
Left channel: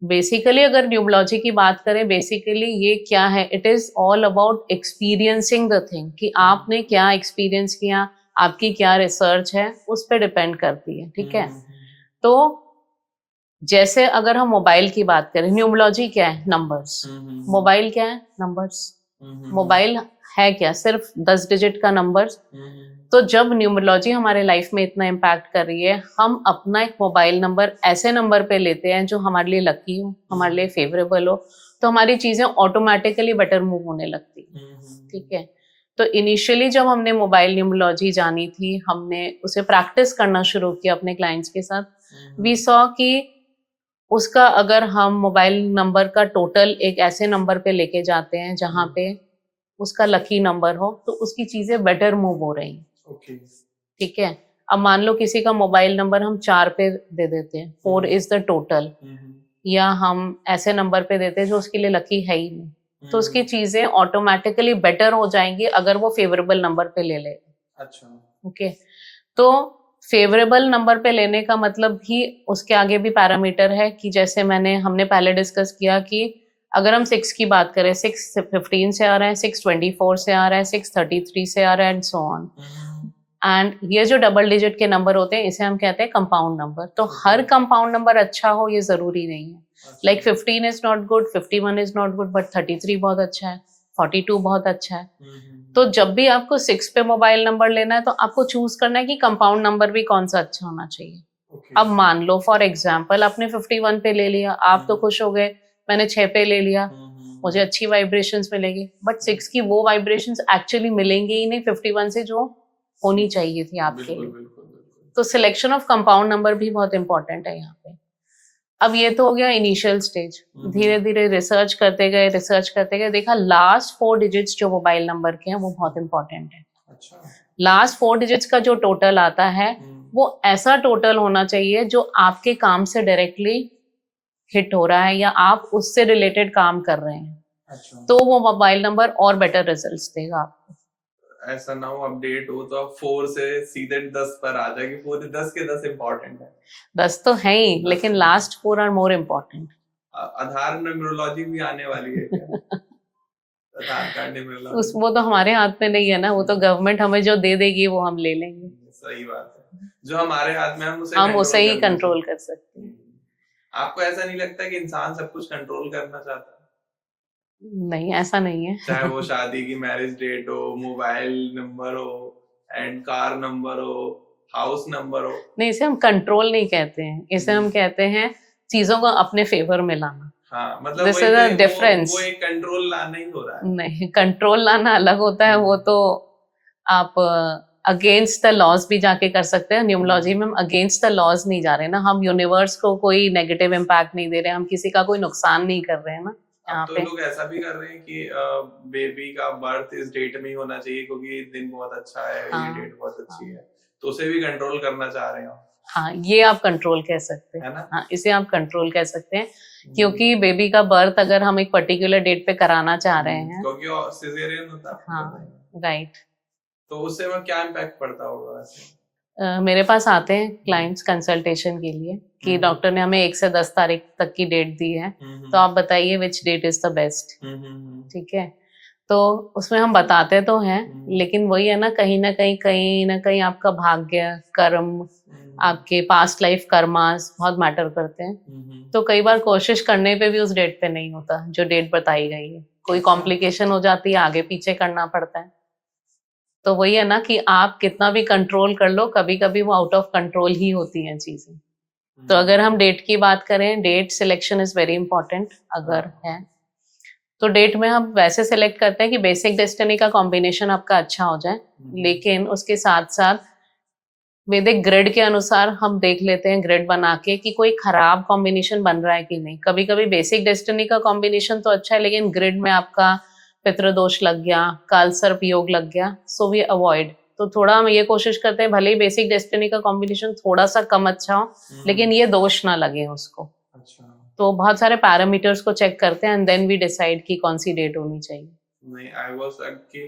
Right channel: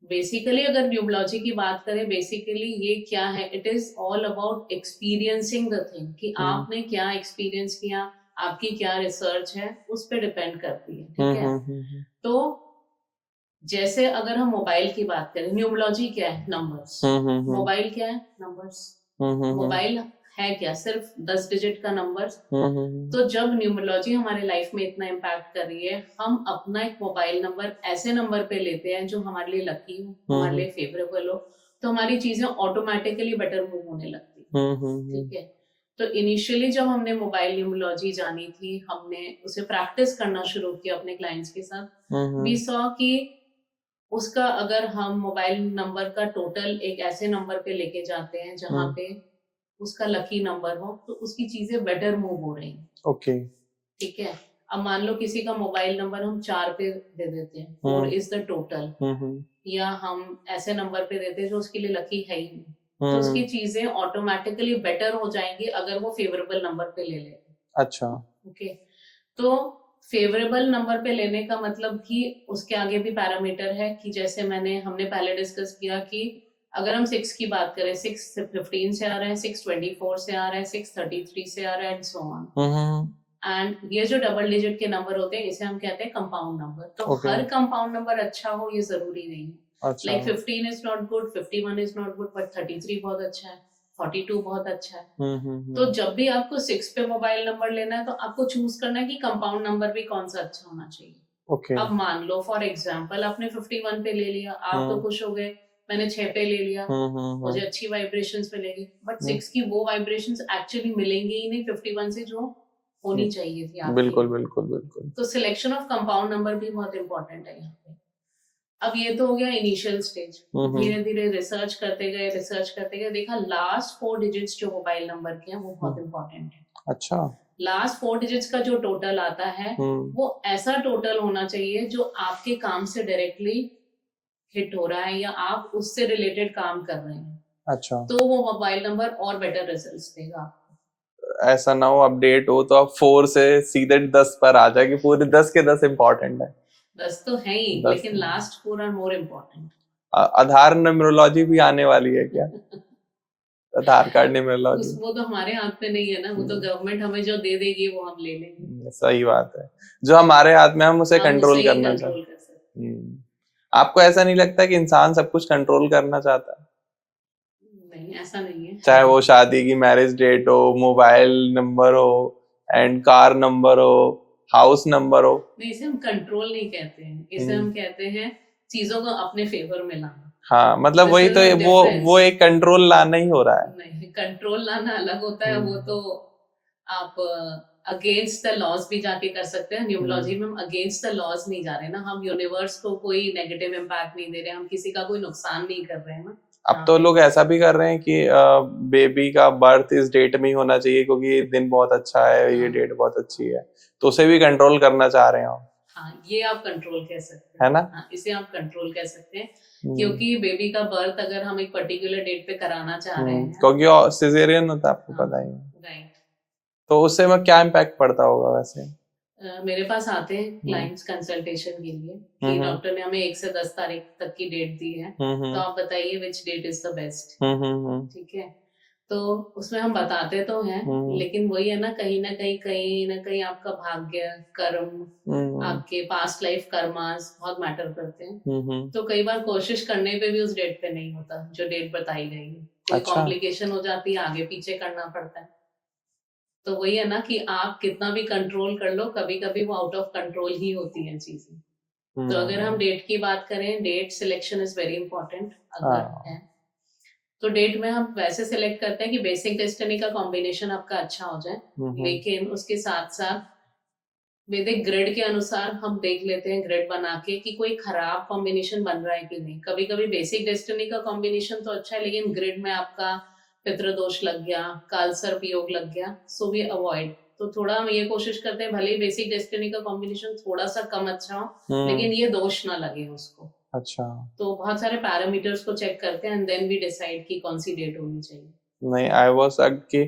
बेसिकली अगर न्यूमरोलॉजी की बात करें, बेसिकली ये क्या है, it is all about experiencing the thing, कि आपने क्या एक्सपीरियंस किया, आपकी क्या रिसर्च है, उस पर डिपेंड करती है। ठीक है, तो जैसे अगर हम मोबाइल की बात करें, न्यूमरोलॉजी क्या है, नंबर्स। मोबाइल क्या है, नंबर्स। मोबाइल है क्या, सिर्फ 10 डिजिट का नंबर। तो जब न्यूमरोलॉजी हमारे लाइफ में इतना इम्पैक्ट कर रही है, हम अपना एक मोबाइल नंबर ऐसे नंबर पे लेते हैं जो हमारे लिए लकी हो, हमारे लिए फेवरेबल हो, तो हमारी चीजें ऑटोमेटिकली बेटर मूव होने लगती। ठीक है, तो इनिशियली जब हमने मोबाइल न्यूमरोलॉजी जानी थी, हमने उसे प्रैक्टिस करना शुरू किया अपने क्लाइंट्स के साथ। वी सॉ कि उसका अगर हम मोबाइल नंबर का टोटल एक ऐसे नंबर पे लेके जाते हैं जहाँ पे उसका लकी नंबर हो, तो उसकी चीजें बेटर मूव हो रही हैं। ओके, ठीक है, अब मान लो किसी का मोबाइल नंबर हम 4 पे दे देते हैं, 4 इज द टोटल, या हम ऐसे नंबर पे देते हैं जो उसके लिए लकी है ही नहीं, तो उसकी चीजें ऑटोमेटिकली बेटर हो जाएंगी अगर वो फेवरेबल नंबर पे ले ले। अच्छा, ओके, तो फेवरेबल नंबर पे लेने का मतलब भी उसके आगे भी पैरामीटर है कि जैसे हमने पहले डिस्कस किया कि अगर हम 6 की बात करें, 6 15 से आ रहा है, 6 24 से आ रहा है, 6 33 से आ रहा है, एंड सो ऑन। एंड ये जो डबल डिजिट के नंबर होते हैं इसे हम कहते हैं कंपाउंड नंबर। तो हर कंपाउंड नंबर अच्छा हो ये जरूरी नहीं है। Like 15 is not good, 51 is not good, but 33 बहुत अच्छा है, 42 बहुत अच्छा है। तो जब भी आपको 6 पे मोबाइल नंबर लेना है, तो आपको चूज करना है कि कंपाउंड नंबर भी कौन सा अच्छा होना चाहिए। अब मान लो फॉर एग्जाम्पल आपने 51 पे ले लिया, आप तो खुश हो गए, मैंने 6 पे ले लिया, मुझे अच्छी वाइब्रेशंस मिलेगी, बट 6 की वो वाइब्रेशंस एक्चुअली मिलेंगे ही नहीं 51 से जो होनी चाहिए थी आपकी। बिल्कुल बिल्कुल बिल्कुल। तो सिलेक्शन ऑफ कंपाउंड नंबर भी बहुत इंपॉर्टेंट है यहाँ पे। अब ये तो हो गया इनिशियल स्टेज, धीरे धीरे रिसर्च करते गए, देखा लास्ट 4 डिजिट्स जो मोबाइल नंबर के हैं वो बहुत इंपॉर्टेंट है। अच्छा, लास्ट 4 डिजिट्स का जो टोटल आता है वो ऐसा टोटल होना चाहिए जो आपके काम से डायरेक्टली हिट हो रहा है या आप उससे रिलेटेड काम कर रहे हैं। अच्छा, तो वो मोबाइल नंबर और बेटर रिजल्ट्स देगा आपको। ऐसा ना हो अपडेट हो तो आप 4 से सीधे 10 पर आ जाए कि पूरे 10 के 10 इम्पोर्टेंट है। 10 तो है ही, लेकिन last 4 are more important. Aadhaar numerology भी आने वाली है क्या? आधार कार्ड न्यूमरोलॉजी वो तो हमारे हाथ में नहीं है ना, वो तो गवर्नमेंट हमें जो दे देगी वो हम ले लेंगे। सही बात है, जो हमारे हाथ में हम उसे कंट्रोल कर सकते हैं। आपको ऐसा नहीं लगता कि इंसान सब कुछ कंट्रोल करना चाहता है? नहीं, ऐसा नहीं है। चाहे वो शादी की मैरिज डेट हो, मोबाइल नंबर हो, एंड कार नंबर हो, हाउस नंबर हो। नहीं, इसे हम कंट्रोल नहीं कहते हैं, इसे हम कहते हैं चीजों को अपने फेवर में लाना। हाँ, मतलब वही तो वो एक कंट्रोल लाना ही हो रहा है। नहीं, कंट्रोल लाना अलग होता है, वो तो आप अगेंस्ट द लॉज भी जाके कर सकते हैं। न्यूमरोलॉजी में हम अगेंस्ट द लॉज नहीं जा रहे ना, हम यूनिवर्स को कोई नेगेटिव इम्पैक्ट नहीं दे रहे, हम किसी का कोई नुकसान नहीं कर रहे हैं ना। अब तो लोग ऐसा भी कर रहे हैं कि बेबी का बर्थ इस डेट में ही होना चाहिए क्योंकि ये दिन बहुत अच्छा है, ये डेट बहुत अच्छी है, तो उसे भी कंट्रोल करना चाह रहे हो। हाँ, ये आप कंट्रोल कह सकते हैं, है ना? हाँ, इसे आप कंट्रोल कह सकते हैं, क्योंकि बेबी का बर्थ अगर हम एक पर्टिकुलर डेट पे कराना चाह रहे हैं, क्योंकि सिजेरियन होता है, आपको हाँ, पता ही है, राइट। तो उससे में क्या इम्पैक्ट पड़ता होगा वैसे? मेरे पास आते हैं क्लाइंट्स कंसल्टेशन के लिए कि डॉक्टर ने हमें 1 से 10 तारीख तक की डेट दी है, तो आप बताइए which date is the best. ठीक है, तो उसमें हम बताते तो हैं, लेकिन वही है ना, कहीं ना कहीं आपका भाग्य, कर्म, आपके पास्ट लाइफ कर्मास बहुत मैटर करते हैं। तो कई बार कोशिश करने पे भी उस डेट पे नहीं होता जो डेट बताई गई है, कोई अच्छा। कॉम्प्लिकेशन हो जाती है, आगे पीछे करना पड़ता है। तो वही है ना कि आप कितना भी कंट्रोल कर लो, कभी कभी वो आउट ऑफ कंट्रोल ही होती हैं चीजें। तो अगर हम डेट की बात करें, date selection is very important अगर है तो डेट में हम वैसे सिलेक्ट करते हैं कि बेसिक डेस्टिनी का कॉम्बिनेशन आपका अच्छा हो जाए, लेकिन उसके साथ साथ वैदिक ग्रिड के अनुसार हम देख लेते हैं, ग्रिड बना के, कि कोई खराब कॉम्बिनेशन बन रहा है कि नहीं। कभी कभी बेसिक डेस्टिनी का कॉम्बिनेशन तो अच्छा है, लेकिन ग्रिड में आपका पितृदोष लग गया, कालसर्प योग लग गया, सो वी अवॉइड। तो थोड़ा हम ये कोशिश करते हैं, भले ही बेसिक डेस्टिनी का कॉम्बिनेशन थोड़ा सा कम अच्छा हो, लेकिन ये दोष ना लगे उसको। अच्छा। तो बहुत सारे पैरामीटर्स को चेक करते हैं एंड देन वी डिसाइड कि कौन सी डेट होनी चाहिए। नहीं, आई वाज कि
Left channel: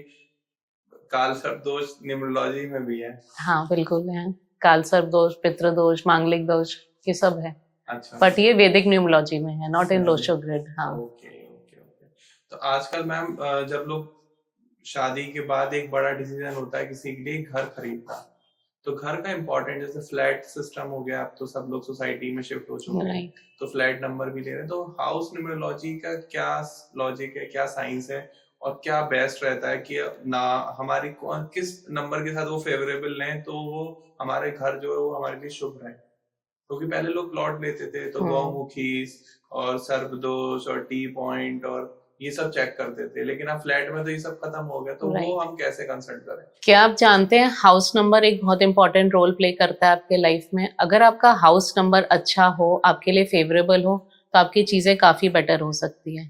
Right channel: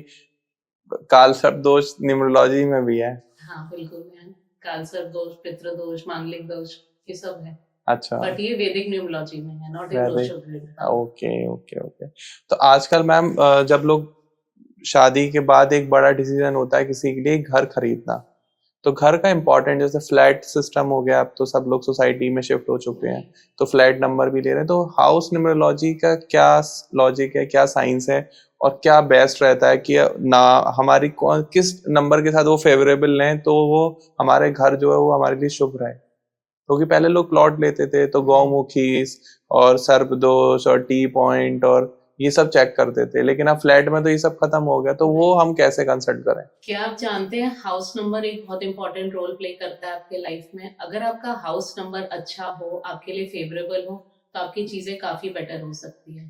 कालसर्प दोष न्यूमरोलॉजी में भी है। हाँ, बिल्कुल है, कालसर्प दोष, पितृदोष, मांगलिक दोष, ये सब है। अच्छा, बट ये वैदिक न्यूमरोलॉजी में है, नॉट इन डोशो ग्रिड। हाँ, ओके ओके ओके। तो आजकल मैम जब लोग शादी के बाद एक बड़ा डिसीजन होता है किसी के लिए घर खरीदना, तो घर का इम्पोर्टेंट, जैसे फ्लैट सिस्टम हो गया, अब तो सब लोग सोसाइटी में शिफ्ट हो चुके हैं, तो फ्लैट नंबर भी ले रहे हैं, तो हाउस न्यूमरोलॉजी का क्या लॉजिक है, क्या साइंस है, और क्या बेस्ट रहता है कि ना हमारी किस नंबर के साथ वो फेवरेबल लें तो वो हमारे घर जो है वो हमारे लिए शुभ रहे? क्योंकि पहले लोग प्लॉट लेते थे तो गौमुखी और सर्पदोष और टी पॉइंट और ये सब चेक करते थे, लेकिन अब फ्लैट में तो ये सब खत्म हो गया, तो वो हम कैसे कंसल्ट करें? क्या आप जानते हैं, हाउस नंबर एक बहुत इंपॉर्टेंट रोल प्ले करता है आपके लाइफ में। अगर आपका हाउस नंबर अच्छा हो, आपके लिए फेवरेबल हो, तो आपकी चीजें काफी बेटर हो सकती है।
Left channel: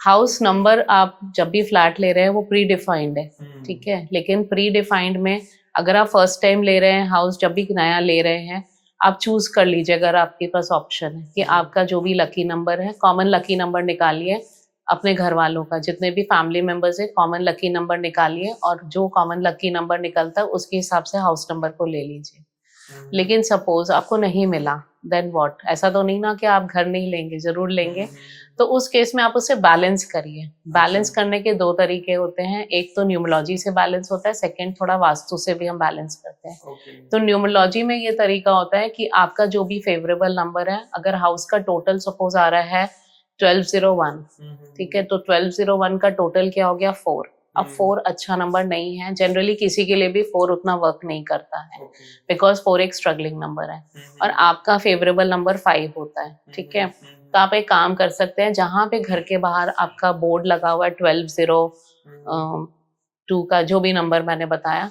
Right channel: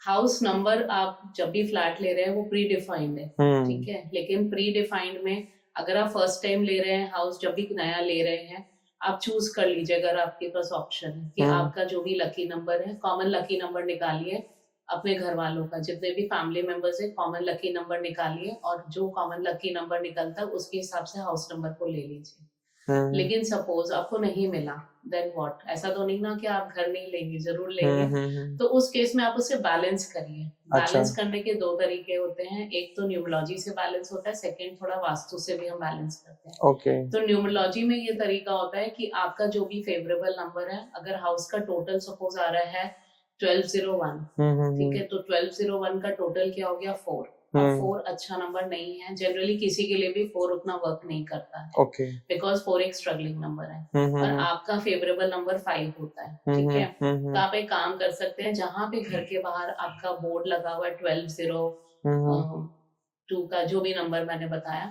हाउस नंबर आप जब भी फ्लैट ले रहे हैं वो प्री डिफाइंड है, ठीक है, लेकिन प्री डिफाइंड में अगर आप फर्स्ट टाइम ले रहे हैं हाउस, जब भी नया ले रहे हैं, आप चूज कर लीजिए, अगर आपके पास ऑप्शन है कि आपका जो भी लकी नंबर है, कॉमन लकी नंबर निकालिए अपने घर वालों का, जितने भी फैमिली मेंबर्स है कॉमन लकी नंबर निकालिए, और जो कॉमन लकी नंबर निकलता है उसके हिसाब से हाउस नंबर को ले लीजिए। लेकिन सपोज आपको नहीं मिला, देन व्हाट? ऐसा तो नहीं ना कि आप घर नहीं लेंगे, जरूर लेंगे। तो उस केस में आप उसे बैलेंस करिए। बैलेंस करने के 2 तरीके होते हैं, एक तो न्यूमरोलॉजी से बैलेंस होता है, सेकंड थोड़ा वास्तु से भी हम बैलेंस करते हैं। तो न्यूमरोलॉजी में ये तरीका होता है कि आपका जो भी फेवरेबल नंबर है, अगर हाउस का टोटल सपोज आ रहा है 1201, ठीक है, तो 1201 का टोटल क्या हो गया? 4। अब 4 अच्छा नंबर नहीं है, जनरली किसी के लिए भी 4 उतना वर्क नहीं करता है, बिकॉज 4 एक स्ट्रगलिंग नंबर है, और आपका फेवरेबल नंबर 5 होता है, ठीक है। तो आप एक काम कर सकते हैं, जहां पे घर के बाहर आपका बोर्ड लगा हुआ है 1202 का जो भी नंबर मैंने बताया,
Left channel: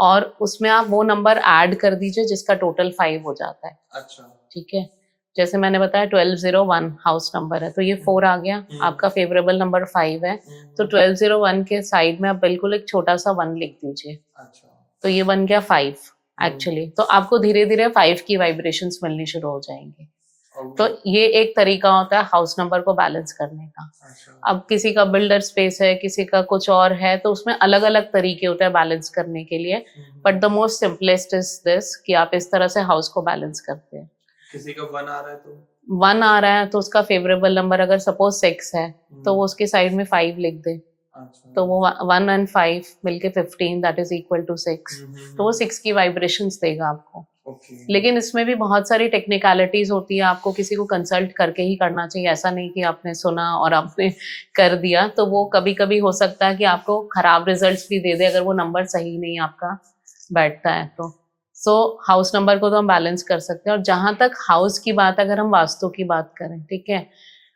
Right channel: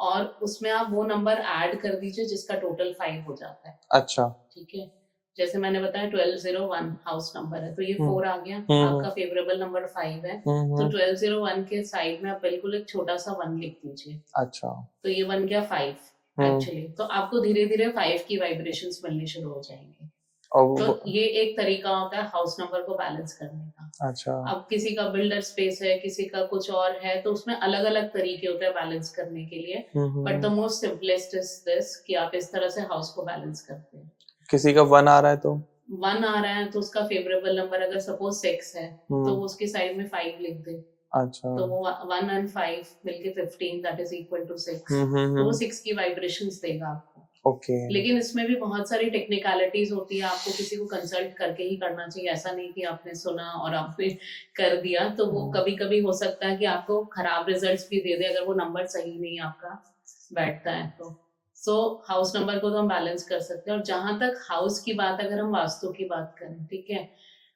और उसमें आप वो नंबर ऐड कर दीजिए जिसका टोटल 5 हो जाता है। अच्छा, ठीक है, जैसे मैंने बताया 1201 हाउस नंबर है, तो ये 4 आ गया, आपका फेवरेबल नंबर 5 है, तो 1201 के साइड में आप बिल्कुल एक छोटा सा 1 लिख दीजिए। अच्छा, तो ये बन गया 5 एक्चुअली। तो आपको धीरे धीरे 5 की वाइब्रेशंस मिलनी शुरू हो जाएंगे। तो ये एक तरीका होता है हाउस नंबर को बैलेंस करने का। अच्छा, अब किसी का बिल्डर स्पेस है, किसी का कुछ और है, तो उसमें अलग अलग तरीके होते हैं बैलेंस करने के लिए, but the most simplest is this कि आप इस तरह से हाउस को बैलेंस करते हैं। किसी का 1 आ रहा है, तो 1 आ रहा है तो उसका फेवरेबल नंबर अगर सपोज 6 है, तो वो उसके साइड में 5 लिख दे। अच्छा, तो वो 1 and 5 मिलके 15, दैट इज इक्वल टू 6, तो वो 6 की वाइब्रेशंस देगा आपको। लेकिन इसमें भी बहुत सारी टेक्निकलिटीज होती है, आपको किसी को कंसल्ट करके ही करना चाहिए, ऐसा नहीं कि आपने सुना और आपने कर दिया, तो वो कभी कभी हो सकता है कि आपको खराब रिजल्ट्स भी दे दे अगर वो नंबर सही नहीं आपका बैठता है। तो हाउस नंबर को तो हम बैलेंस कर सकते हैं। और जहां तक हाउस की बात, अगर हम वास्तु की बात करें, ठीक है,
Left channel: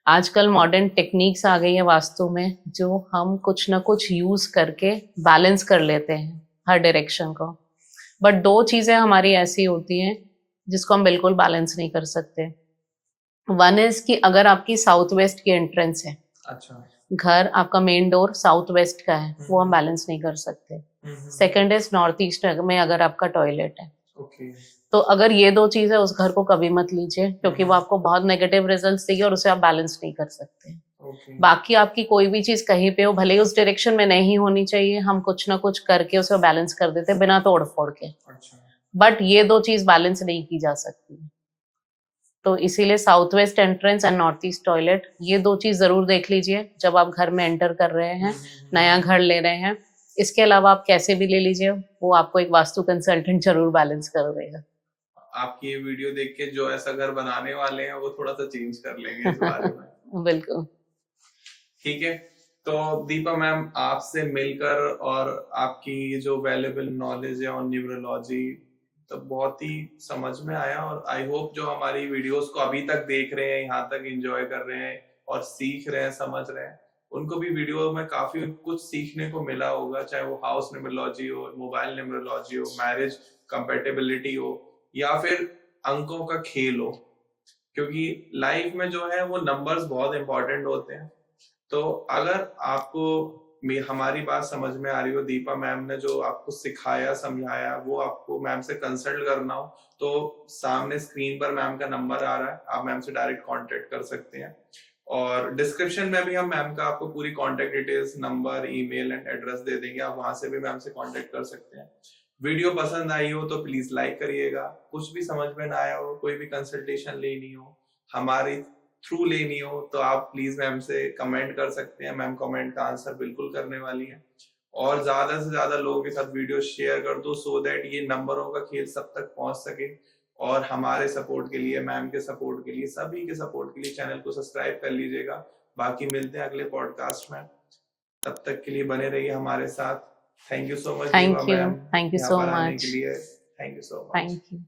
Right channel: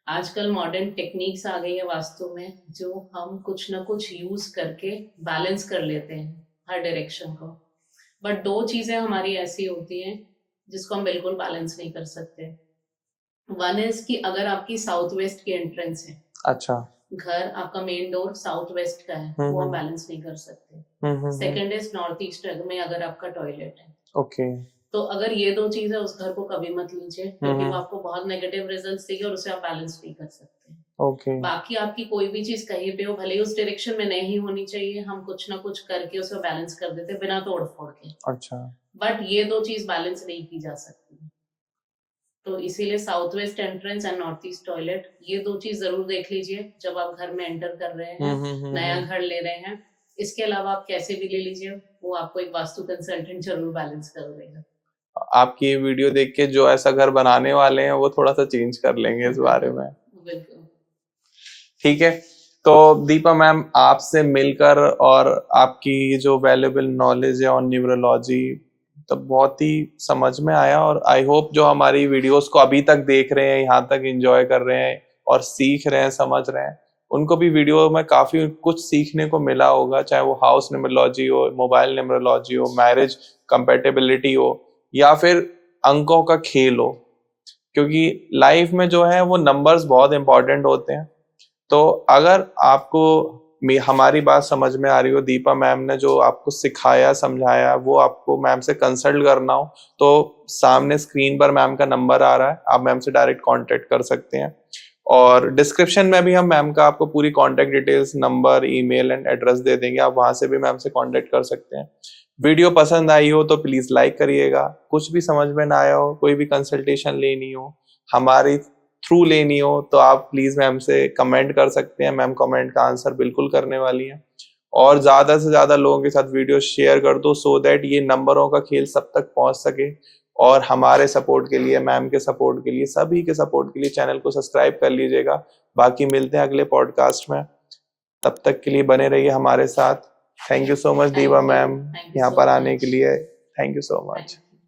आजकल मॉडर्न टेक्निक्स आ गई है वास्तु में, जो हम कुछ ना कुछ यूज करके बैलेंस कर लेते हैं हर डायरेक्शन को। बट 2 चीजें हमारी ऐसी होती हैं जिसको हम बिल्कुल बैलेंस नहीं कर सकते। 1 इज कि अगर आपकी साउथ वेस्ट की एंट्रेंस है, अच्छा, घर आपका मेन डोर साउथ वेस्ट का है, वो हम बैलेंस नहीं कर सकते। सेकंड इज नॉर्थ ईस्ट में अगर आपका टॉयलेट है, ओके। तो अगर ये 2 चीज़ है, उस घर को कभी मत लीजिए, क्योंकि वो हम्म। आपको बहुत नेगेटिव रिजल्ट्स देगी और उसे आप बैलेंस नहीं कर सकते। ओके। बाकी आपकी कोई भी चीज़ कहीं पे हो, भले ही उस डायरेक्शन में नहीं होनी चाहिए, हम कुछ ना कुछ करके उसे बैलेंस कर देते हैं बिना तोड़-फोड़ के। अच्छा। बट ये 2 चीज़ बैलेंस नहीं की जा सकती। तो इसीलिए south west entrance and north east toilet, ये 2 चीज़ ज़रूर देख लीजिए जब आप घर में एंटर कर रहे हैं, नया घर ले रहे हैं। इसके अलावा आप कैसे भी ले लीजिए, वो आपको एक वास्तु कंसल्टेंट ज़रूर बैलेंस कर देगा। आपकी वीडियो देख के जो ऐसा घर बनाने वाले हैं वो थोड़ा सा चेंज कर लेंगे इस बारे में। बिल्कुल। ठीक है। तो दीपा मैम, आपसे मिलकर और आपकी जो वैल्यूएबल नॉलेज है ऑन न्यूरोलॉजी, तो बहुत ही समझ में आया। और आई होप जो हमारी वीडियोस को अभी तक देख रहे हैं, यहाँ तक एंजॉय कर रहे हैं और सीख रहे हैं, समझ रहे हैं, उनको भी वीडियो में काफी कुछ सीखने को मिला होगा, चाहे वो हाउस न्यूमरोलॉजी हो, मोबाइल न्यूमरोलॉजी हो, मैरिज कंपेटेबिलिटी हो, या फिर अंकों का खेल हो। क्योंकि लाइफ में जो है वो नंबर्स बहुत इंपॉर्टेंट होते हैं। तो अगर आपको हमारी बात समझ में आ रही हो, दीपा मैम ने जो आपको सिखाया समझाया वो आपको मैम से कंसल्ट करना हो, तो सामने स्क्रीन पर मैम का नंबर आ रहा है, आप मैम से डायरेक्ट कांटेक्ट कर सकते हैं। और डिस्क्रिप्शन में भी हम मैम का आपको पूरी contact details, number, email and address दे देंगे, आप वहां से भी मैम से कांटेक्ट कर सकते हैं। वीडियो पसंद आई हो तो प्लीज लाइक करिएगा। कुछ भी समझ में ना आया हो, कोई भी कंसल्टेशन लेनी हो, हमारी थ्रू लेनी हो, तो आप प्लीज मैम से कमेंट कर सकते हैं। मैम कमेंट का आंसर बिल्कुल करने वाली है। और ज्यादा से ज्यादा लोगों के साथ वीडियो शेयर कर दो, सो दैट ये नंबरों का खेल सब तक पहुंच सके। और हमारे सपोर्ट के लिए, मैम के सपोर्ट के लिए, सभी के सपोर्ट के लिए चैनल को सब्सक्राइब कर लीजिएगा। बाकी मिलते हैं अगले पॉडकास्ट में, तब तक के लिए बने रहिए हमारे साथ। Thank you so much Deepa ma'am, thank you यहाँ सो पर आने के मच। लिए। Thank you so much. Thank you.